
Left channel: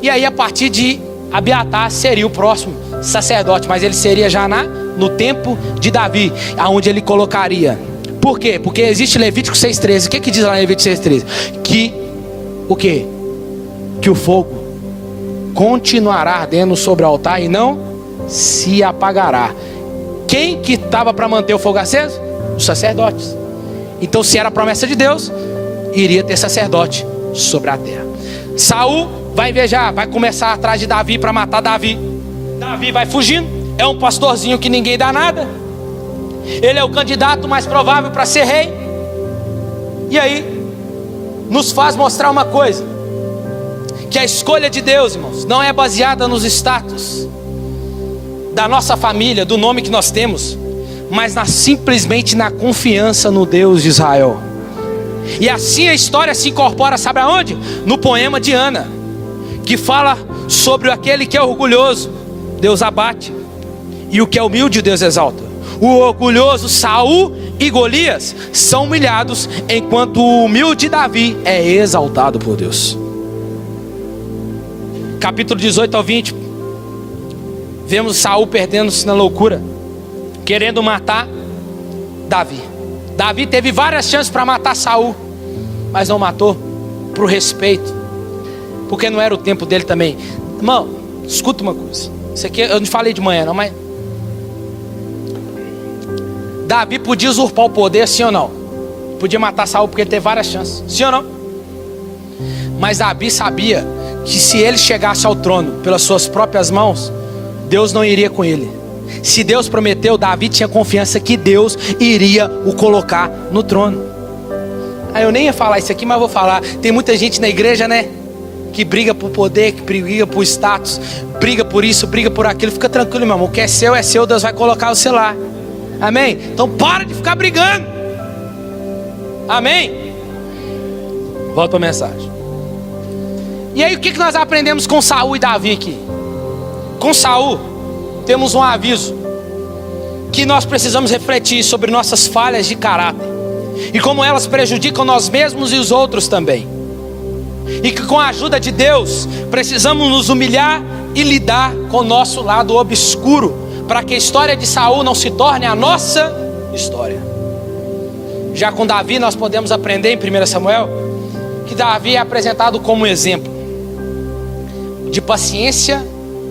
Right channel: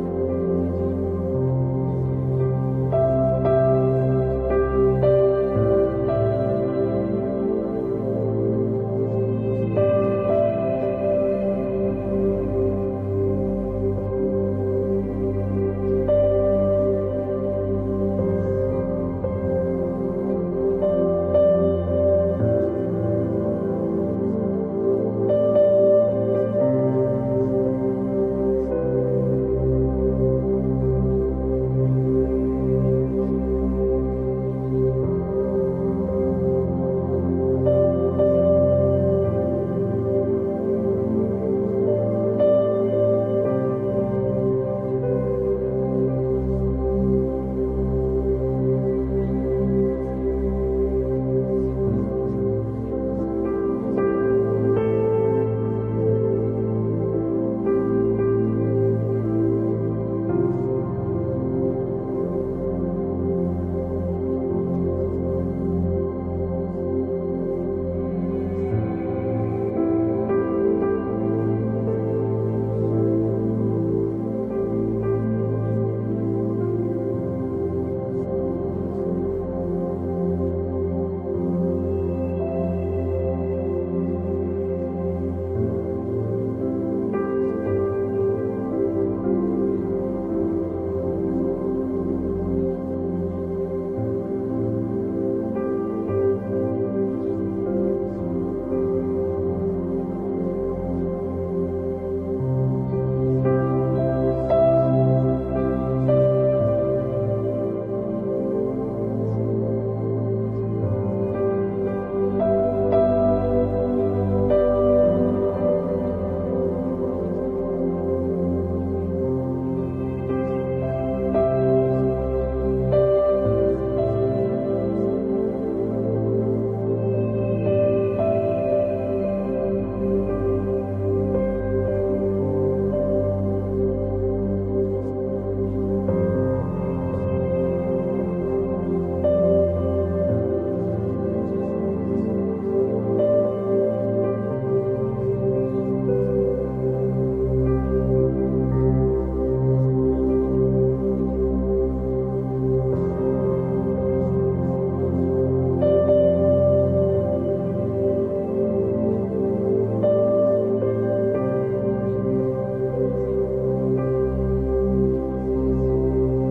E aí a partir de Abiatar seria o próximo sacerdote, mas ele seria já no tempo de Davi, aonde ele colocaria. Por quê? Porque existe Levítico 6,13. O que diz lá em Levítico 6,13? Que o quê? Que o fogo continuará ardendo sobre o altar e não se apagará. Quem que estava para manter o fogo aceso? Os sacerdotes. Então, se era a promessa de Deus, iria ter sacerdote sobre a terra. Saul vai invejar, vai começar atrás de Davi para matar Davi. Davi vai fugindo, é um pastorzinho que ninguém dá nada. Ele é o candidato mais provável para ser rei. E aí nos faz mostrar uma coisa, que a escolha de Deus, irmãos, não é baseada nos status da nossa família, do nome que nós temos, mas simplesmente na confiança no Deus de Israel. E assim a história se incorpora, sabe aonde? No poema de Ana, que fala sobre aquele que é orgulhoso, Deus abate, e o que é humilde, Deus exalta. O orgulhoso Saul e Golias são humilhados, enquanto o humilde Davi é exaltado por Deus. Capítulo 18 ao 20, vemos Saul perdendo-se na loucura, querendo matar Davi. Davi teve várias chances para matar Saul, mas não matou, por respeito, porque não era o tempo dele também. Irmão, escuta uma coisa, isso aqui eu não falei de manhã não, mas Davi podia usurpar o poder, sim ou não? Podia matar Saul porque ele teve várias chances, sim ou não? Mas Davi sabia que se ele chegasse ao trono pelas suas próprias mãos, Deus não iria com ele. Se Deus prometeu, Davi tinha confiança que Deus iria o colocar no trono. Eu nem ia falar isso aqui, mas vou falar. Tem muita gente na igreja, né, que briga por poder, que briga por status, briga por isso, briga por aquilo. Fica tranquilo, meu irmão, o que é seu, Deus vai colocar o seu lá. Amém? Então para de ficar brigando. Amém? Volta para a mensagem. E aí o que nós aprendemos com Saul e Davi aqui? Com Saul temos um aviso, que nós precisamos refletir sobre nossas falhas de caráter e como elas prejudicam nós mesmos e os outros também. E que com a ajuda de Deus precisamos nos humilhar e lidar com o nosso lado obscuro, para que a história de Saul não se torne a nossa história. Já com Davi nós podemos aprender em 1 Samuel que Davi é apresentado como exemplo de paciência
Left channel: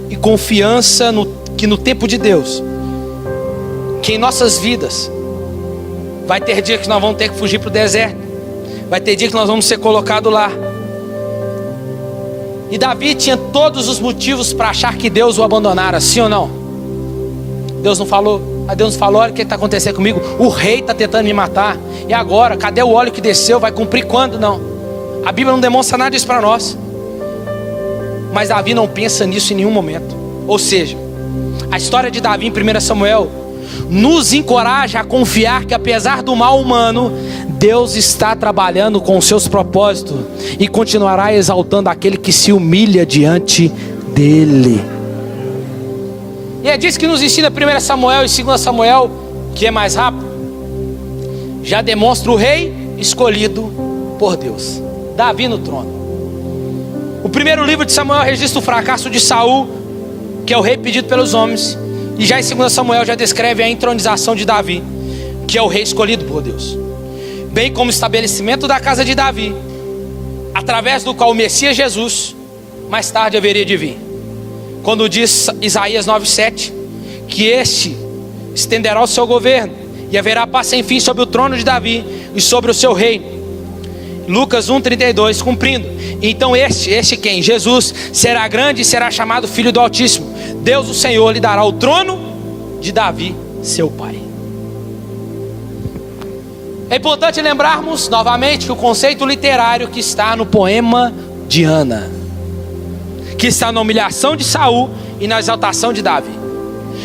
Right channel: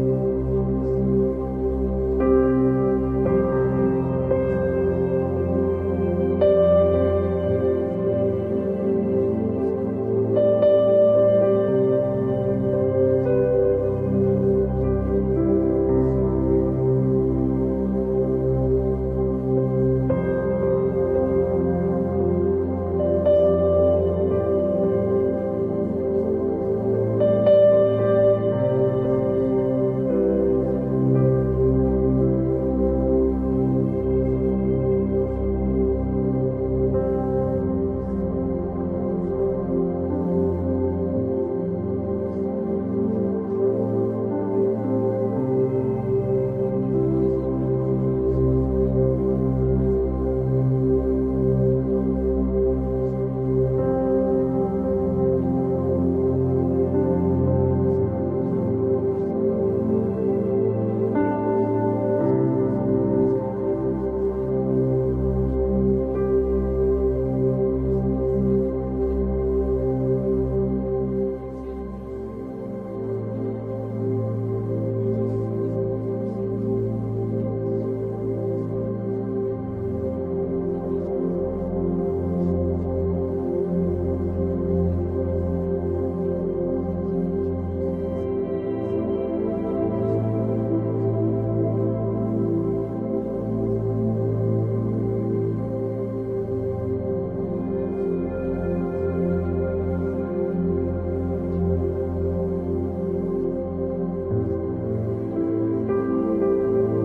e confiança que no tempo de Deus, que em nossas vidas vai ter dia que nós vamos ter que fugir para o deserto, vai ter dia que nós vamos ser colocados lá. E Davi tinha todos os motivos para achar que Deus o abandonara, sim ou não? Deus não falou, mas Deus falou: olha o que está acontecendo comigo, o rei está tentando me matar, e agora? Cadê o óleo que desceu? Vai cumprir quando? Não, a Bíblia não demonstra nada disso para nós. Mas Davi não pensa nisso em nenhum momento. Ou seja, a história de Davi em 1 Samuel nos encoraja a confiar que apesar do mal humano, Deus está trabalhando com os seus propósitos e continuará exaltando aquele que se humilha diante dele. E é disso que nos ensina 1 Samuel e 2 Samuel, que é mais rápido. Já demonstra o rei escolhido por Deus, Davi no trono. O primeiro livro de Samuel registra o fracasso de Saul, que é o rei pedido pelos homens. E já em 2 Samuel já descreve a entronização de Davi, que é o rei escolhido por Deus, bem como o estabelecimento da casa de Davi, através do qual o Messias Jesus mais tarde haveria de vir. Quando diz Isaías 9,7 que este estenderá o seu governo e haverá paz sem fim sobre o trono de Davi e sobre o seu reino. Lucas 1,32, cumprindo. Então este quem? Jesus será grande e será chamado Filho do Altíssimo. Deus o Senhor lhe dará o trono de Davi, seu pai. É importante lembrarmos novamente que o conceito literário que está no poema de Ana, que está na humilhação de Saul e na exaltação de Davi.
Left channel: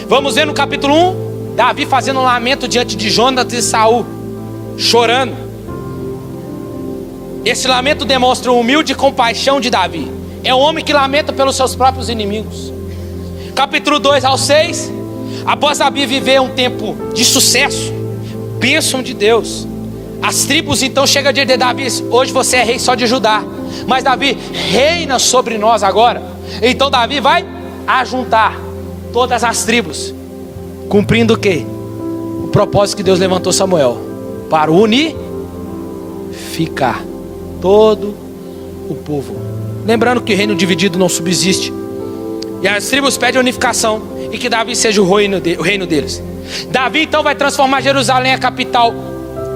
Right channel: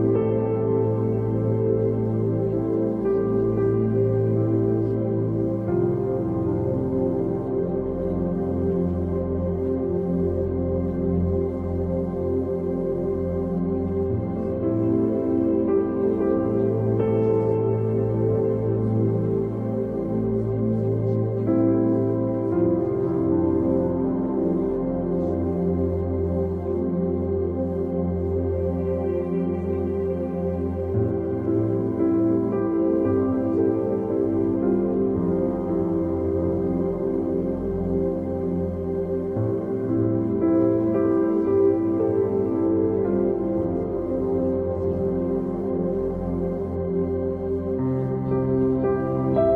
Vamos ver no capítulo 1, Davi fazendo um lamento diante de Jonatas e Saul, chorando. Esse lamento demonstra uma humilde compaixão de Davi. É um homem que lamenta pelos seus próprios inimigos. Capítulo 2 ao 6. Após Davi viver um tempo de sucesso, bênção de Deus, as tribos então chegam a dizer: Davi, hoje você é rei só de Judá, mas Davi reina sobre nós agora. Então Davi vai ajuntar todas as tribos, cumprindo o quê? O propósito que Deus levantou Samuel, para unificar todo o povo. Lembrando que reino dividido não subsiste, e as tribos pedem unificação, e que Davi seja o reino deles. Davi então vai transformar Jerusalém a capital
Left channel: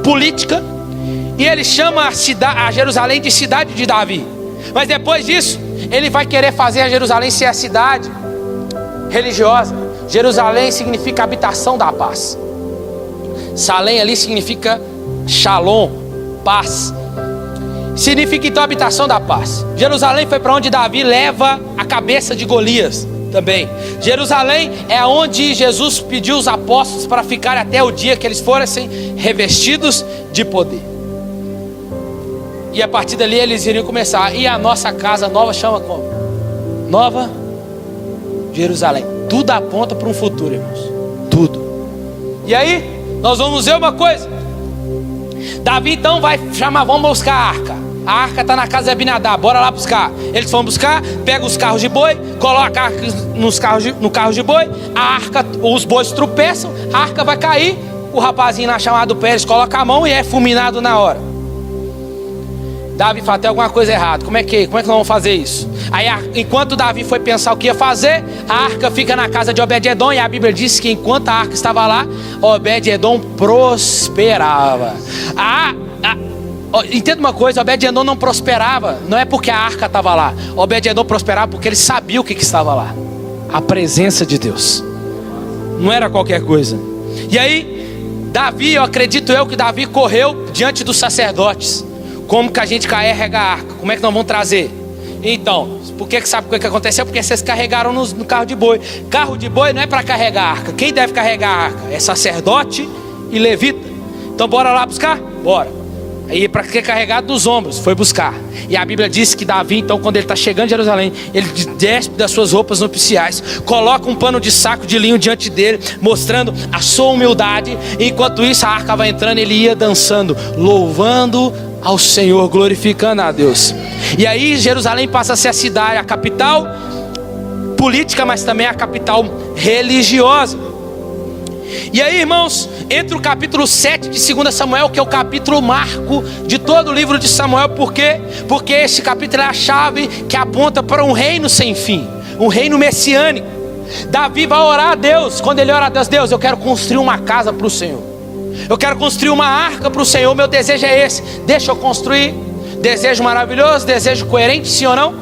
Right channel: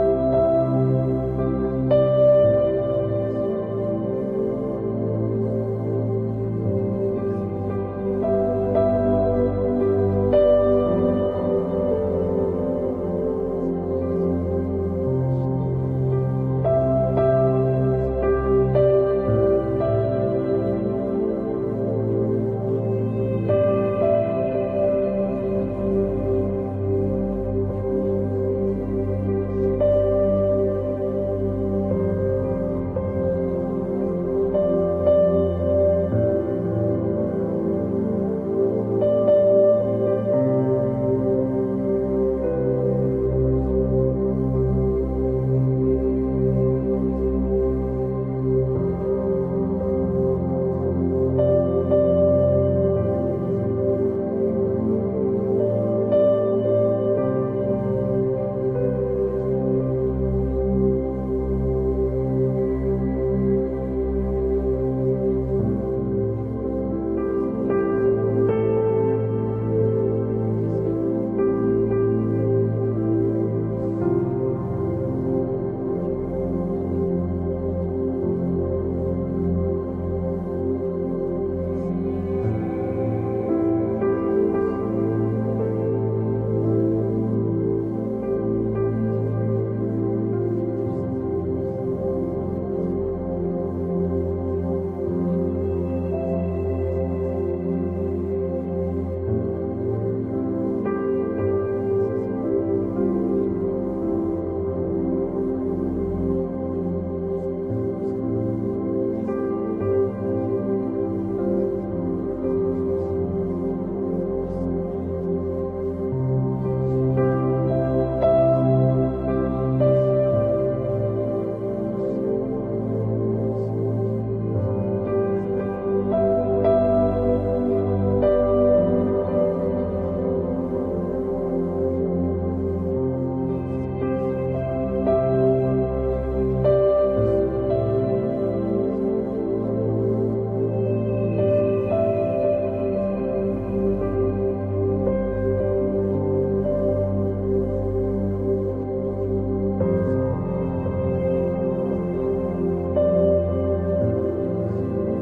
política, e ele chama a Jerusalém de cidade de Davi. Mas depois disso, ele vai querer fazer a Jerusalém ser a cidade religiosa. Jerusalém significa habitação da paz. Salém ali significa shalom, paz. Significa então habitação da paz. Jerusalém foi para onde Davi leva a cabeça de Golias também. Jerusalém é onde Jesus pediu os apóstolos para ficar até o dia que eles fossem revestidos de poder. E a partir dali eles iriam começar. E a nossa casa nova chama como? Nova Jerusalém. Tudo aponta para um futuro, irmãos. Tudo. E aí, nós vamos ver uma coisa. Davi então vai chamar: vamos buscar a arca. A arca está na casa de Abinadab, bora lá buscar. Eles vão buscar, pega os carros de boi, coloca a arca no carro de boi. A arca, os bois tropeçam, a arca vai cair. O rapazinho lá chamado Pérez coloca a mão e é fulminado na hora. Davi fala: tem alguma coisa errada, como é que nós vamos fazer isso? Aí enquanto Davi foi pensar o que ia fazer, a arca fica na casa de Obed-edom. E a Bíblia diz que enquanto a arca estava lá, Obed-edom prosperava. Entenda uma coisa: Obed-edom não prosperava, não é porque a arca estava lá. Obed-edom prosperava porque ele sabia o que estava lá: a presença de Deus. Não era qualquer coisa. E aí Davi, eu acredito que Davi correu diante dos sacerdotes: como que a gente carrega a arca? Como é que nós vamos trazer? Então, sabe o que aconteceu? Porque vocês carregaram no carro de boi. Carro de boi não é para carregar a arca. Quem deve carregar a arca? É sacerdote e levita. Então bora lá buscar? Bora. Aí para que carregar dos ombros? Foi buscar. E a Bíblia diz que Davi então, quando ele está chegando em Jerusalém, ele despe das suas roupas nupciais, coloca um pano de saco de linho diante dele, mostrando a sua humildade. E enquanto isso a arca vai entrando, ele ia dançando, louvando ao Senhor, glorificando a Deus. E aí Jerusalém passa a ser a cidade, a capital política, mas também a capital religiosa. E aí, irmãos, entre o capítulo 7 de 2 Samuel, que é o capítulo marco de todo o livro de Samuel. Por quê? Porque esse capítulo é a chave que aponta para um reino sem fim, um reino messiânico. Davi vai orar a Deus. Quando ele ora a Deus: Deus, eu quero construir uma casa para o Senhor, eu quero construir uma arca para o Senhor, meu desejo é esse, deixa eu construir. Desejo maravilhoso, desejo coerente, sim ou não?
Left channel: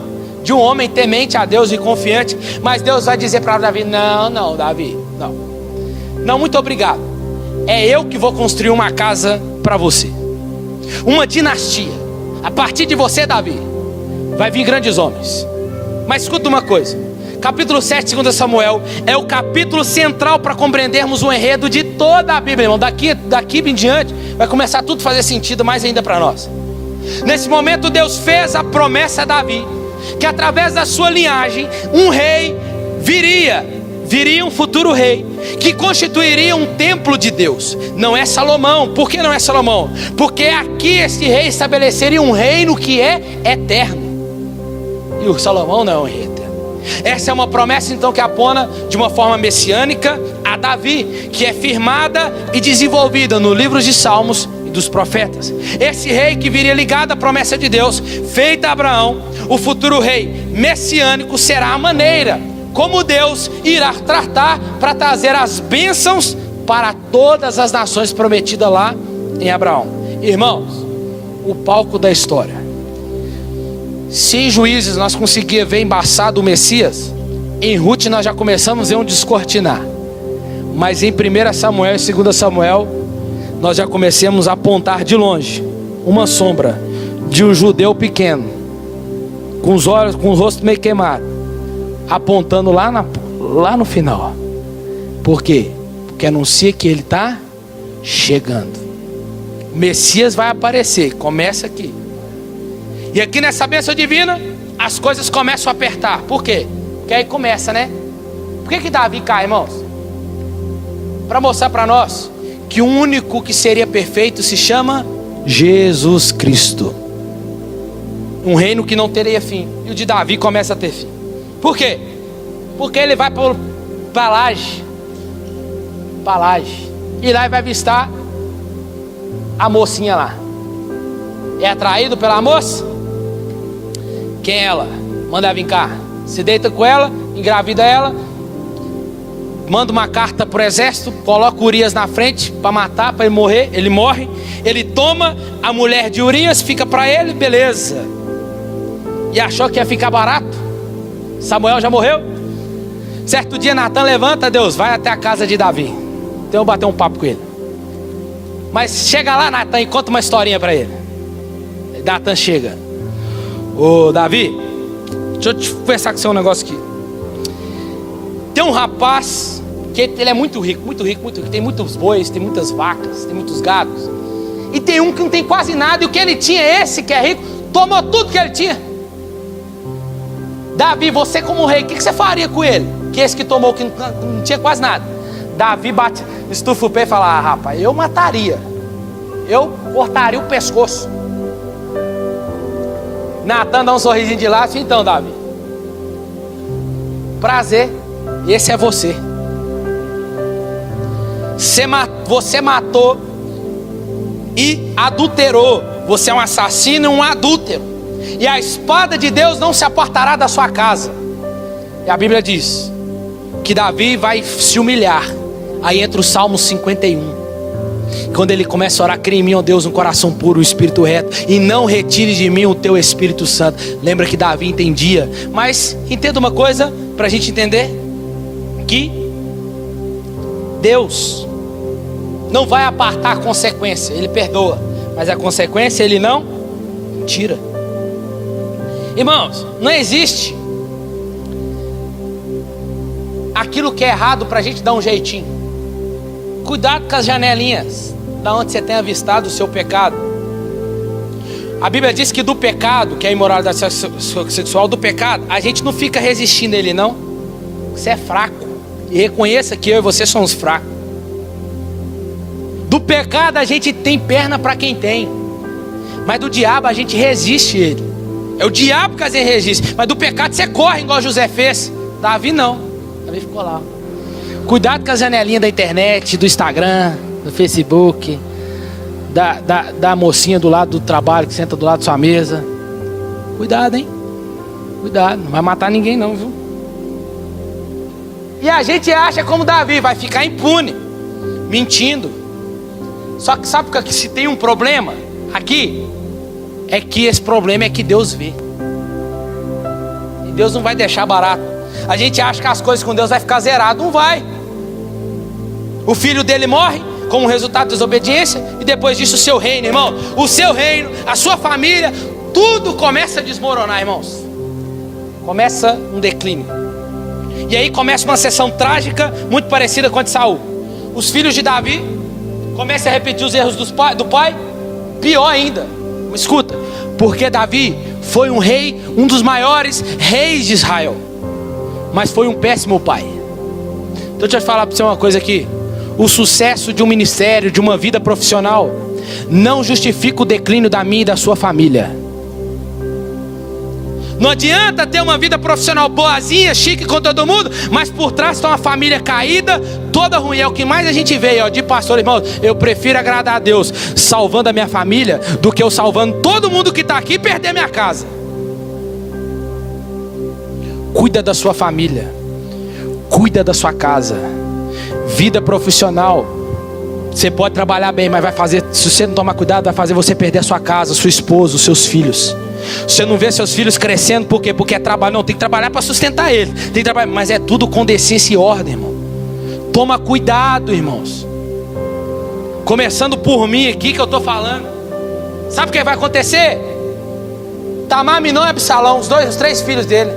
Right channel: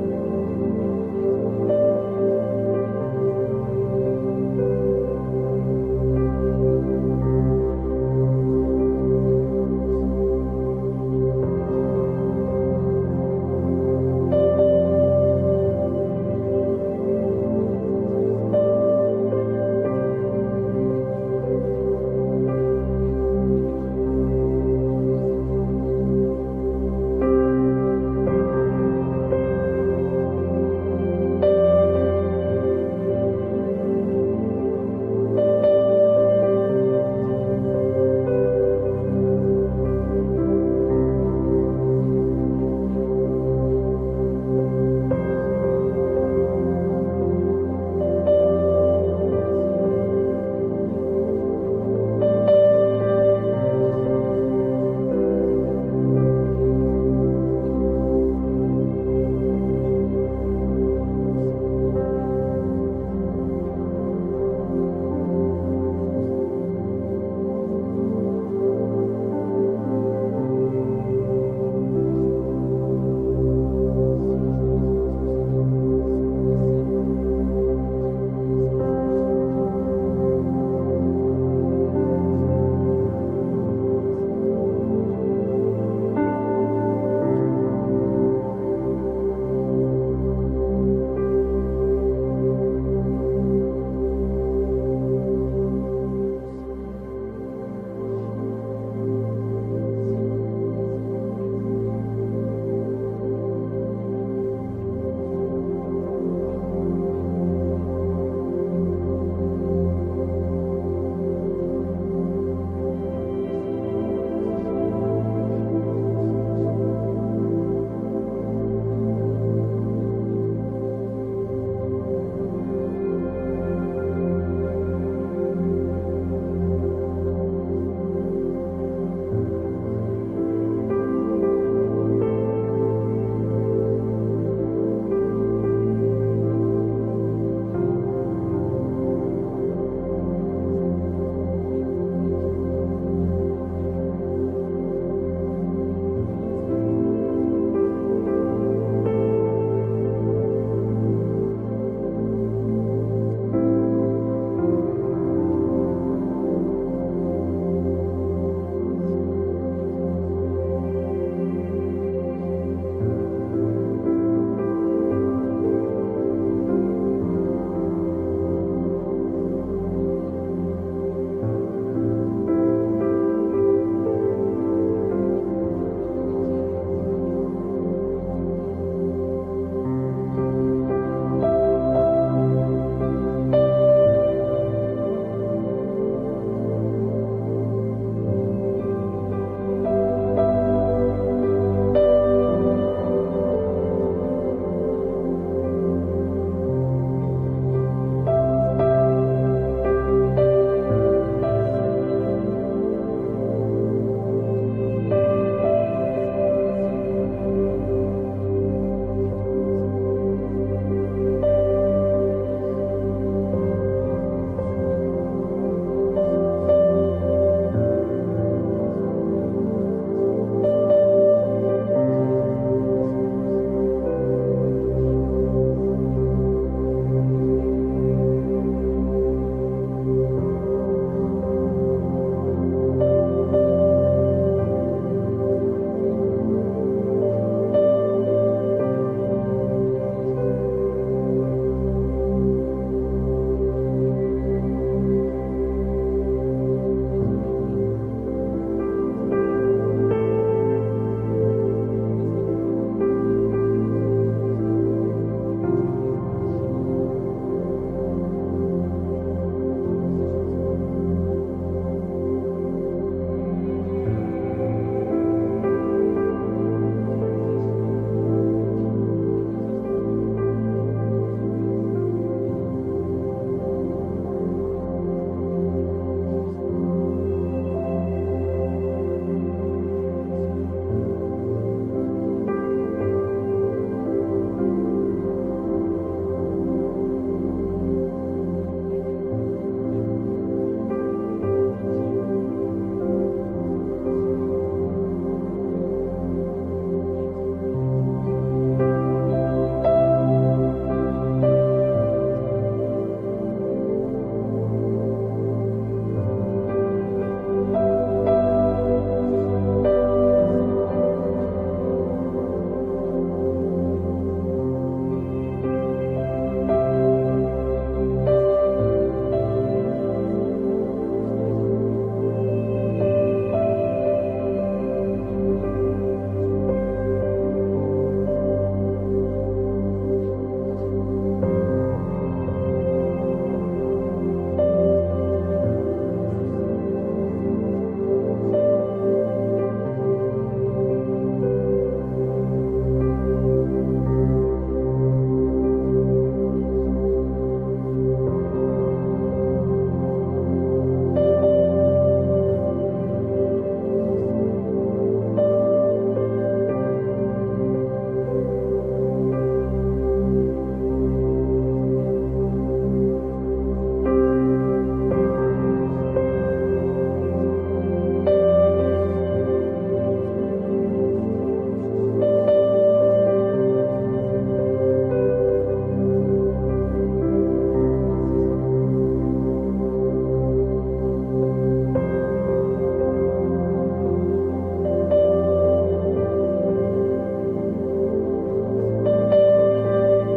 De um homem temente a Deus e confiante. Mas Deus vai dizer para Davi: não, Davi, não, muito obrigado. É eu que vou construir uma casa para você, uma dinastia. A partir de você, Davi, vai vir grandes homens. Mas escuta uma coisa: capítulo 7 de 2 Samuel é o capítulo central para compreendermos o enredo de toda a Bíblia, irmão. Daqui em diante vai começar tudo a fazer sentido mais ainda para nós. Nesse momento Deus fez a promessa a Davi, que através da sua linhagem um rei viria um futuro rei, que constituiria um templo de Deus. Não é Salomão. Por que não é Salomão? Porque aqui esse rei estabeleceria um reino que é eterno, e o Salomão não é um rei eterno. Essa é uma promessa então que aponta de uma forma messiânica a Davi, que é firmada e desenvolvida no livro de Salmos e dos profetas. Esse rei que viria ligado à promessa de Deus feita a Abraão, o futuro rei messiânico, será a maneira como Deus irá tratar para trazer as bênçãos para todas as nações prometidas lá em Abraão. Irmãos, o palco da história. Se em Juízes nós conseguimos ver embaçado o Messias, em Ruth nós já começamos a ver um descortinar. Mas em 1 Samuel e 2 Samuel, nós já começamos a apontar de longe uma sombra de um judeu pequeno, com os olhos, com o rosto meio queimado, apontando lá no final. Por quê? Porque anuncia que ele está chegando. O Messias vai aparecer. Começa aqui. E aqui nessa bênção divina, as coisas começam a apertar. Por quê? Porque aí começa, né? Por que Davi cai, irmãos? Para mostrar para nós que o único que seria perfeito se chama Jesus Cristo. Um reino que não teria fim. E o de Davi começa a ter fim. Por quê? Porque ele vai para Laje. E lá ele vai avistar a mocinha lá. É atraído pela moça? Quem é ela? Manda ela vir cá. Se deita com ela, engravida ela, manda uma carta pro exército, coloca Urias na frente para matar, para ele morrer. Ele morre. Ele toma a mulher de Urias, fica para ele, beleza. E achou que ia ficar barato. Samuel já morreu. Certo dia Natan levanta, Deus, vai até a casa de Davi. Então eu vou bater um papo com ele. Mas chega lá, Natan, e conta uma historinha para ele. Natan chega. Ô Davi, deixa eu te conversar com você um negócio aqui. Tem um rapaz que ele é muito rico. Tem muitos bois, tem muitas vacas, tem muitos gados. E tem um que não tem quase nada. E o que ele tinha, esse que é rico, tomou tudo que ele tinha. Davi, você como rei, o que você faria com ele? Que esse que tomou, que não tinha quase nada. Davi bate, estufa o pé e fala: rapaz, eu mataria. Eu cortaria o pescoço. Natan dá um sorrisinho de lado. Então, Davi, prazer, esse é você. Você matou e adulterou. Você é um assassino e um adúltero. E a espada de Deus não se apartará da sua casa. E a Bíblia diz que Davi vai se humilhar. Aí entra o Salmo 51. Quando ele começa a orar: cria em mim, ó Deus, um coração puro, um espírito reto, e não retire de mim o teu Espírito Santo. Lembra que Davi entendia. Mas entenda uma coisa, para a gente entender, que Deus não vai apartar a consequência. Ele perdoa, mas a consequência ele não tira. Irmãos, não existe aquilo que é errado para a gente dar um jeitinho. Cuidado com as janelinhas da onde você tem avistado o seu pecado. A Bíblia diz que do pecado, que é a imoralidade sexual, do pecado, a gente não fica resistindo a ele, não. Você é fraco. E reconheça que eu e você somos fracos. Do pecado a gente tem perna para quem tem. Mas do diabo a gente resiste a ele. É o diabo que a gente resiste. Mas do pecado você corre, igual José fez. Davi não. Davi ficou lá. Cuidado com as janelinhas da internet, do Instagram, do Facebook, da mocinha do lado do trabalho, que senta do lado da sua mesa. Cuidado, hein? Cuidado, não vai matar ninguém não, viu? E a gente acha como Davi, vai ficar impune, mentindo. Só que sabe que se tem um problema aqui, é que esse problema é que Deus vê. E Deus não vai deixar barato. A gente acha que as coisas com Deus vai ficar zerado. Não vai. O filho dele morre como resultado da desobediência. E depois disso o seu reino, irmão, o seu reino, a sua família, tudo começa a desmoronar, irmãos. Começa um declínio. E aí começa uma sessão trágica, muito parecida com a de Saul. Os filhos de Davi começam a repetir os erros do pai. Pior ainda, escuta, porque Davi foi um rei, um dos maiores reis de Israel, mas foi um péssimo pai. Então deixa eu falar para você uma coisa aqui. O sucesso de um ministério, de uma vida profissional, não justifica o declínio da minha e da sua família. Não adianta ter uma vida profissional boazinha, chique com todo mundo, mas por trás está uma família caída, toda ruim. É o que mais a gente vê, ó, de pastor, irmão. Eu prefiro agradar a Deus salvando a minha família do que eu salvando todo mundo que está aqui e perder minha casa. Cuida da sua família, cuida da sua casa. Vida profissional, você pode trabalhar bem, mas vai fazer, se você não tomar cuidado, vai fazer você perder a sua casa, sua esposa, os seus filhos. Você não vê seus filhos crescendo, por quê? Porque é trabalho. Não, tem que trabalhar para sustentar eles. Tem que trabalhar, mas é tudo com decência e ordem, irmão. Toma cuidado, irmãos. Começando por mim aqui que eu estou falando. Sabe o que vai acontecer? Tamar, Aminon e Absalão, os 3 filhos dele.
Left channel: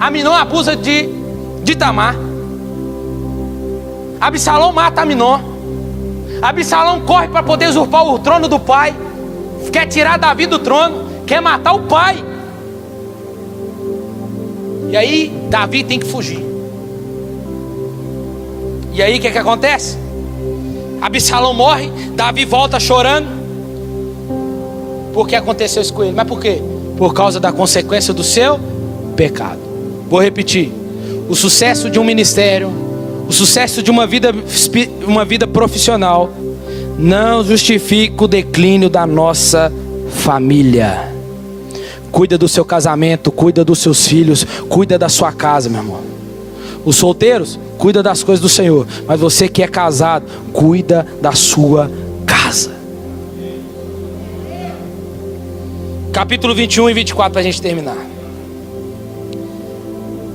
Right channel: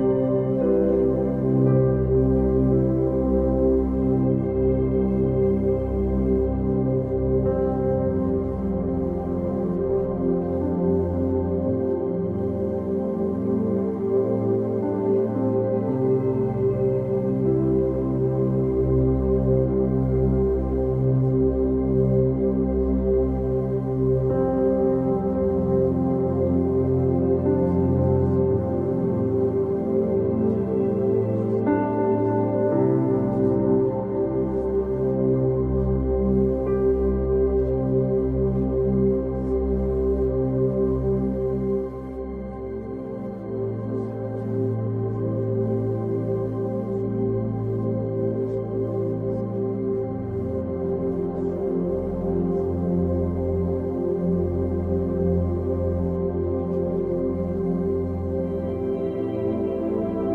Aminon abusa de Tamar. Absalão mata Aminon. Absalão corre para poder usurpar o trono do pai. Quer tirar Davi do trono. quer matar o pai. E aí Davi tem que fugir. E aí o que acontece? Absalão morre, Davi volta chorando. Por que aconteceu isso com ele? Mas por quê? Por causa da consequência do seu pecado. Vou repetir: o sucesso de um ministério, o sucesso de uma vida profissional não justifica o declínio da nossa família. Cuida do seu casamento, cuida dos seus filhos, cuida da sua casa, meu irmão. Os solteiros, cuida das coisas do Senhor. Mas você que é casado, cuida da sua casa. Capítulo 21 e 24 para a gente terminar.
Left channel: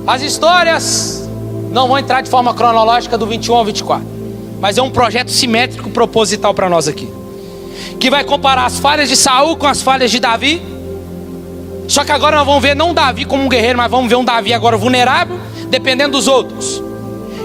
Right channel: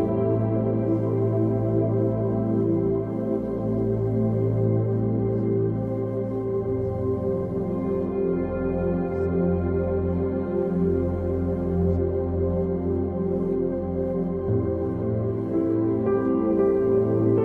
As histórias não vão entrar de forma cronológica do 21 ao 24, mas é um projeto simétrico proposital para nós aqui, que vai comparar as falhas de Saul com as falhas de Davi. Só que agora nós vamos ver não Davi como um guerreiro, mas vamos ver um Davi agora vulnerável, dependendo dos outros.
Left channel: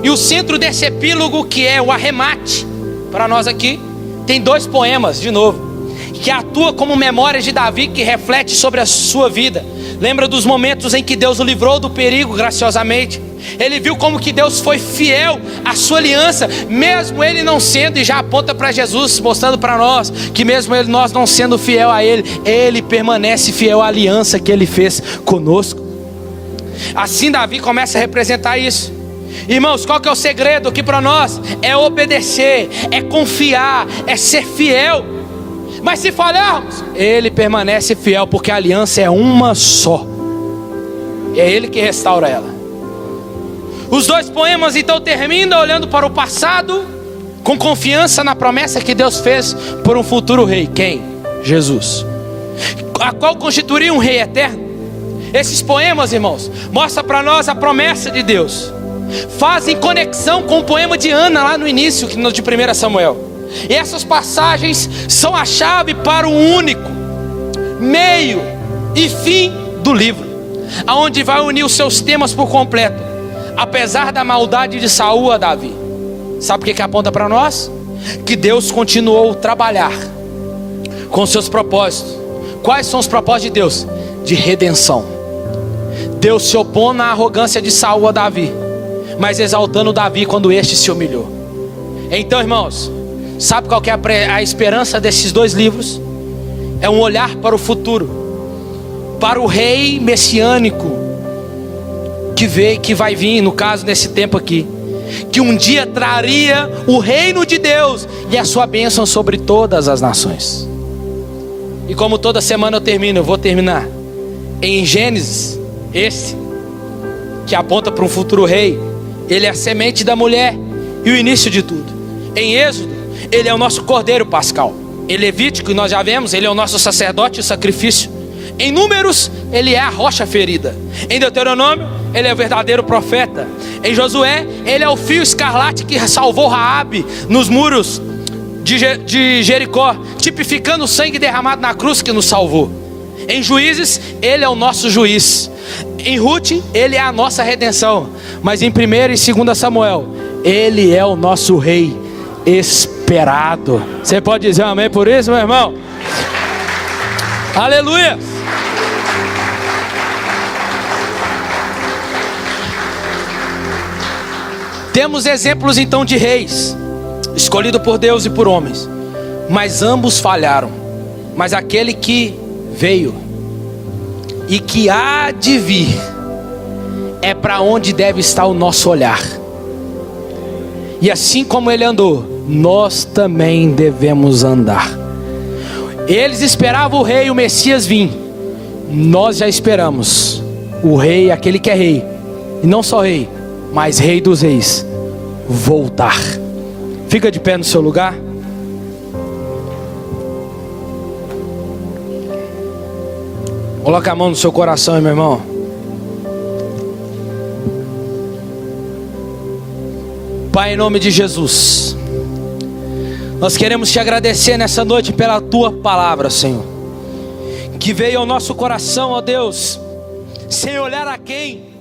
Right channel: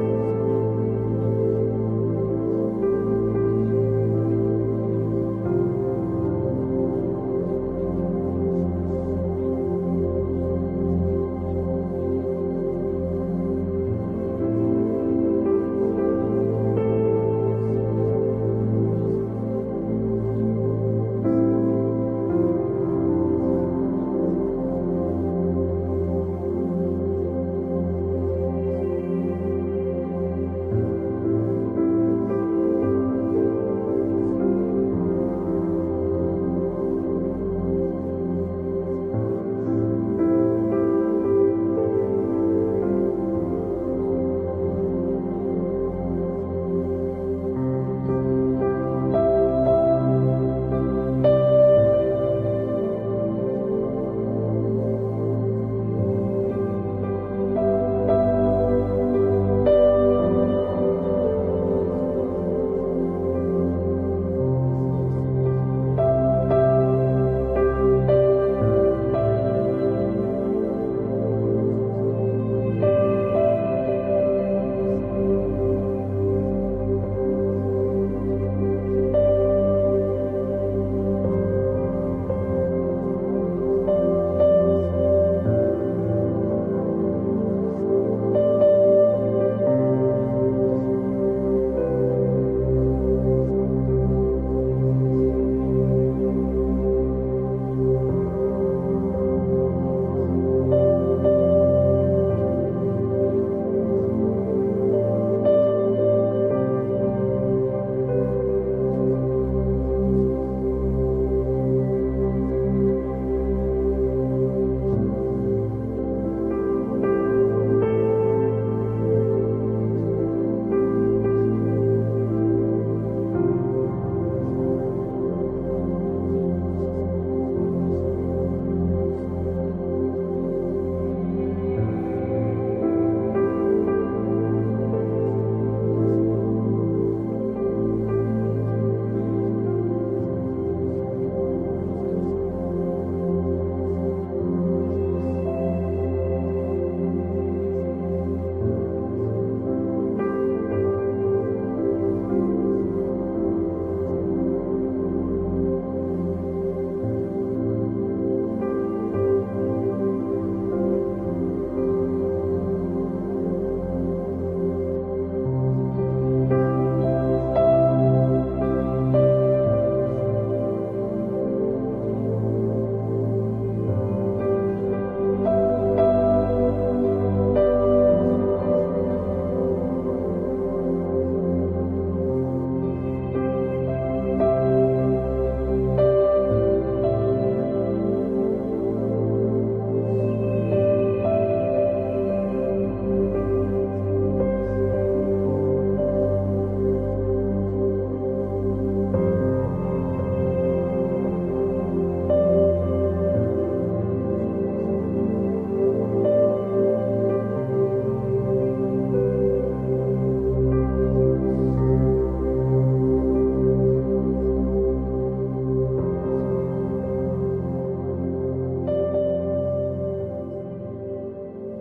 E o centro desse epílogo, que é o arremate para nós aqui, tem 2 poemas de novo, que atua como memórias de Davi, que reflete sobre a sua vida. Lembra dos momentos em que Deus o livrou do perigo graciosamente. Ele viu como que Deus foi fiel à sua aliança, mesmo ele não sendo, e já aponta para Jesus, mostrando para nós que mesmo nós não sendo fiel a ele permanece fiel à aliança que ele fez conosco. Assim Davi começa a representar isso. Irmãos, qual que é o segredo aqui para nós? É obedecer, é confiar, é ser fiel. Mas se falharmos, ele permanece fiel, porque a aliança é uma só. É ele que restaura ela. Os 2 poemas então terminam olhando para o passado, com confiança na promessa que Deus fez por um futuro rei. Quem? Jesus, a qual constituiria um rei eterno. Esses poemas, irmãos, mostram para nós a promessa de Deus. Fazem conexão com o poema de Ana lá no início, de 1 Samuel. E essas passagens são a chave para o único meio e fim do livro, aonde vai unir os seus temas por completo. Apesar da maldade de Saul a Davi, sabe o que aponta para nós? Que Deus continuou a trabalhar com seus propósitos. Quais são os propósitos de Deus? De redenção. Deus se opõe na arrogância de Saul a Davi, mas exaltando Davi quando este se humilhou. Então, irmãos, sabe qual que é a esperança desses 2 livros? É um olhar para o futuro, para o rei messiânico que vai vir, no caso nesse tempo aqui, que um dia traria o reino de Deus e a sua bênção sobre todas as nações. E como toda semana eu vou terminar em Gênesis, esse que aponta para um futuro rei. Ele é a semente da mulher e o início de tudo. Em Êxodo, ele é o nosso cordeiro pascal. Em Levítico, nós já vemos, ele é o nosso sacerdote e o sacrifício. Em Números, ele é a rocha ferida. Em Deuteronômio, ele é o verdadeiro profeta. Em Josué, ele é o fio escarlate que salvou Raabe nos muros de Jericó, tipificando o sangue derramado na cruz que nos salvou. Em Juízes, ele é o nosso juiz. Em Ruth, ele é a nossa redenção. Mas em 1 e 2 Samuel, ele é o nosso rei esperado. Você pode dizer um amém por isso, meu irmão? Aleluia! Temos exemplos então de reis escolhidos por Deus e por homens, mas ambos falharam. Mas aquele que veio e que há de vir é para onde deve estar o nosso olhar. E assim como ele andou, nós também devemos andar. Eles esperavam o rei, o Messias vir. Nós já esperamos o rei, aquele que é rei, e não só rei, mas rei dos reis, voltar. Fica de pé no seu lugar. Coloca a mão no seu coração, meu irmão. Pai, em nome de Jesus, nós queremos te agradecer nessa noite pela tua palavra, Senhor, que veio ao nosso coração, ó Deus, sem olhar a quem,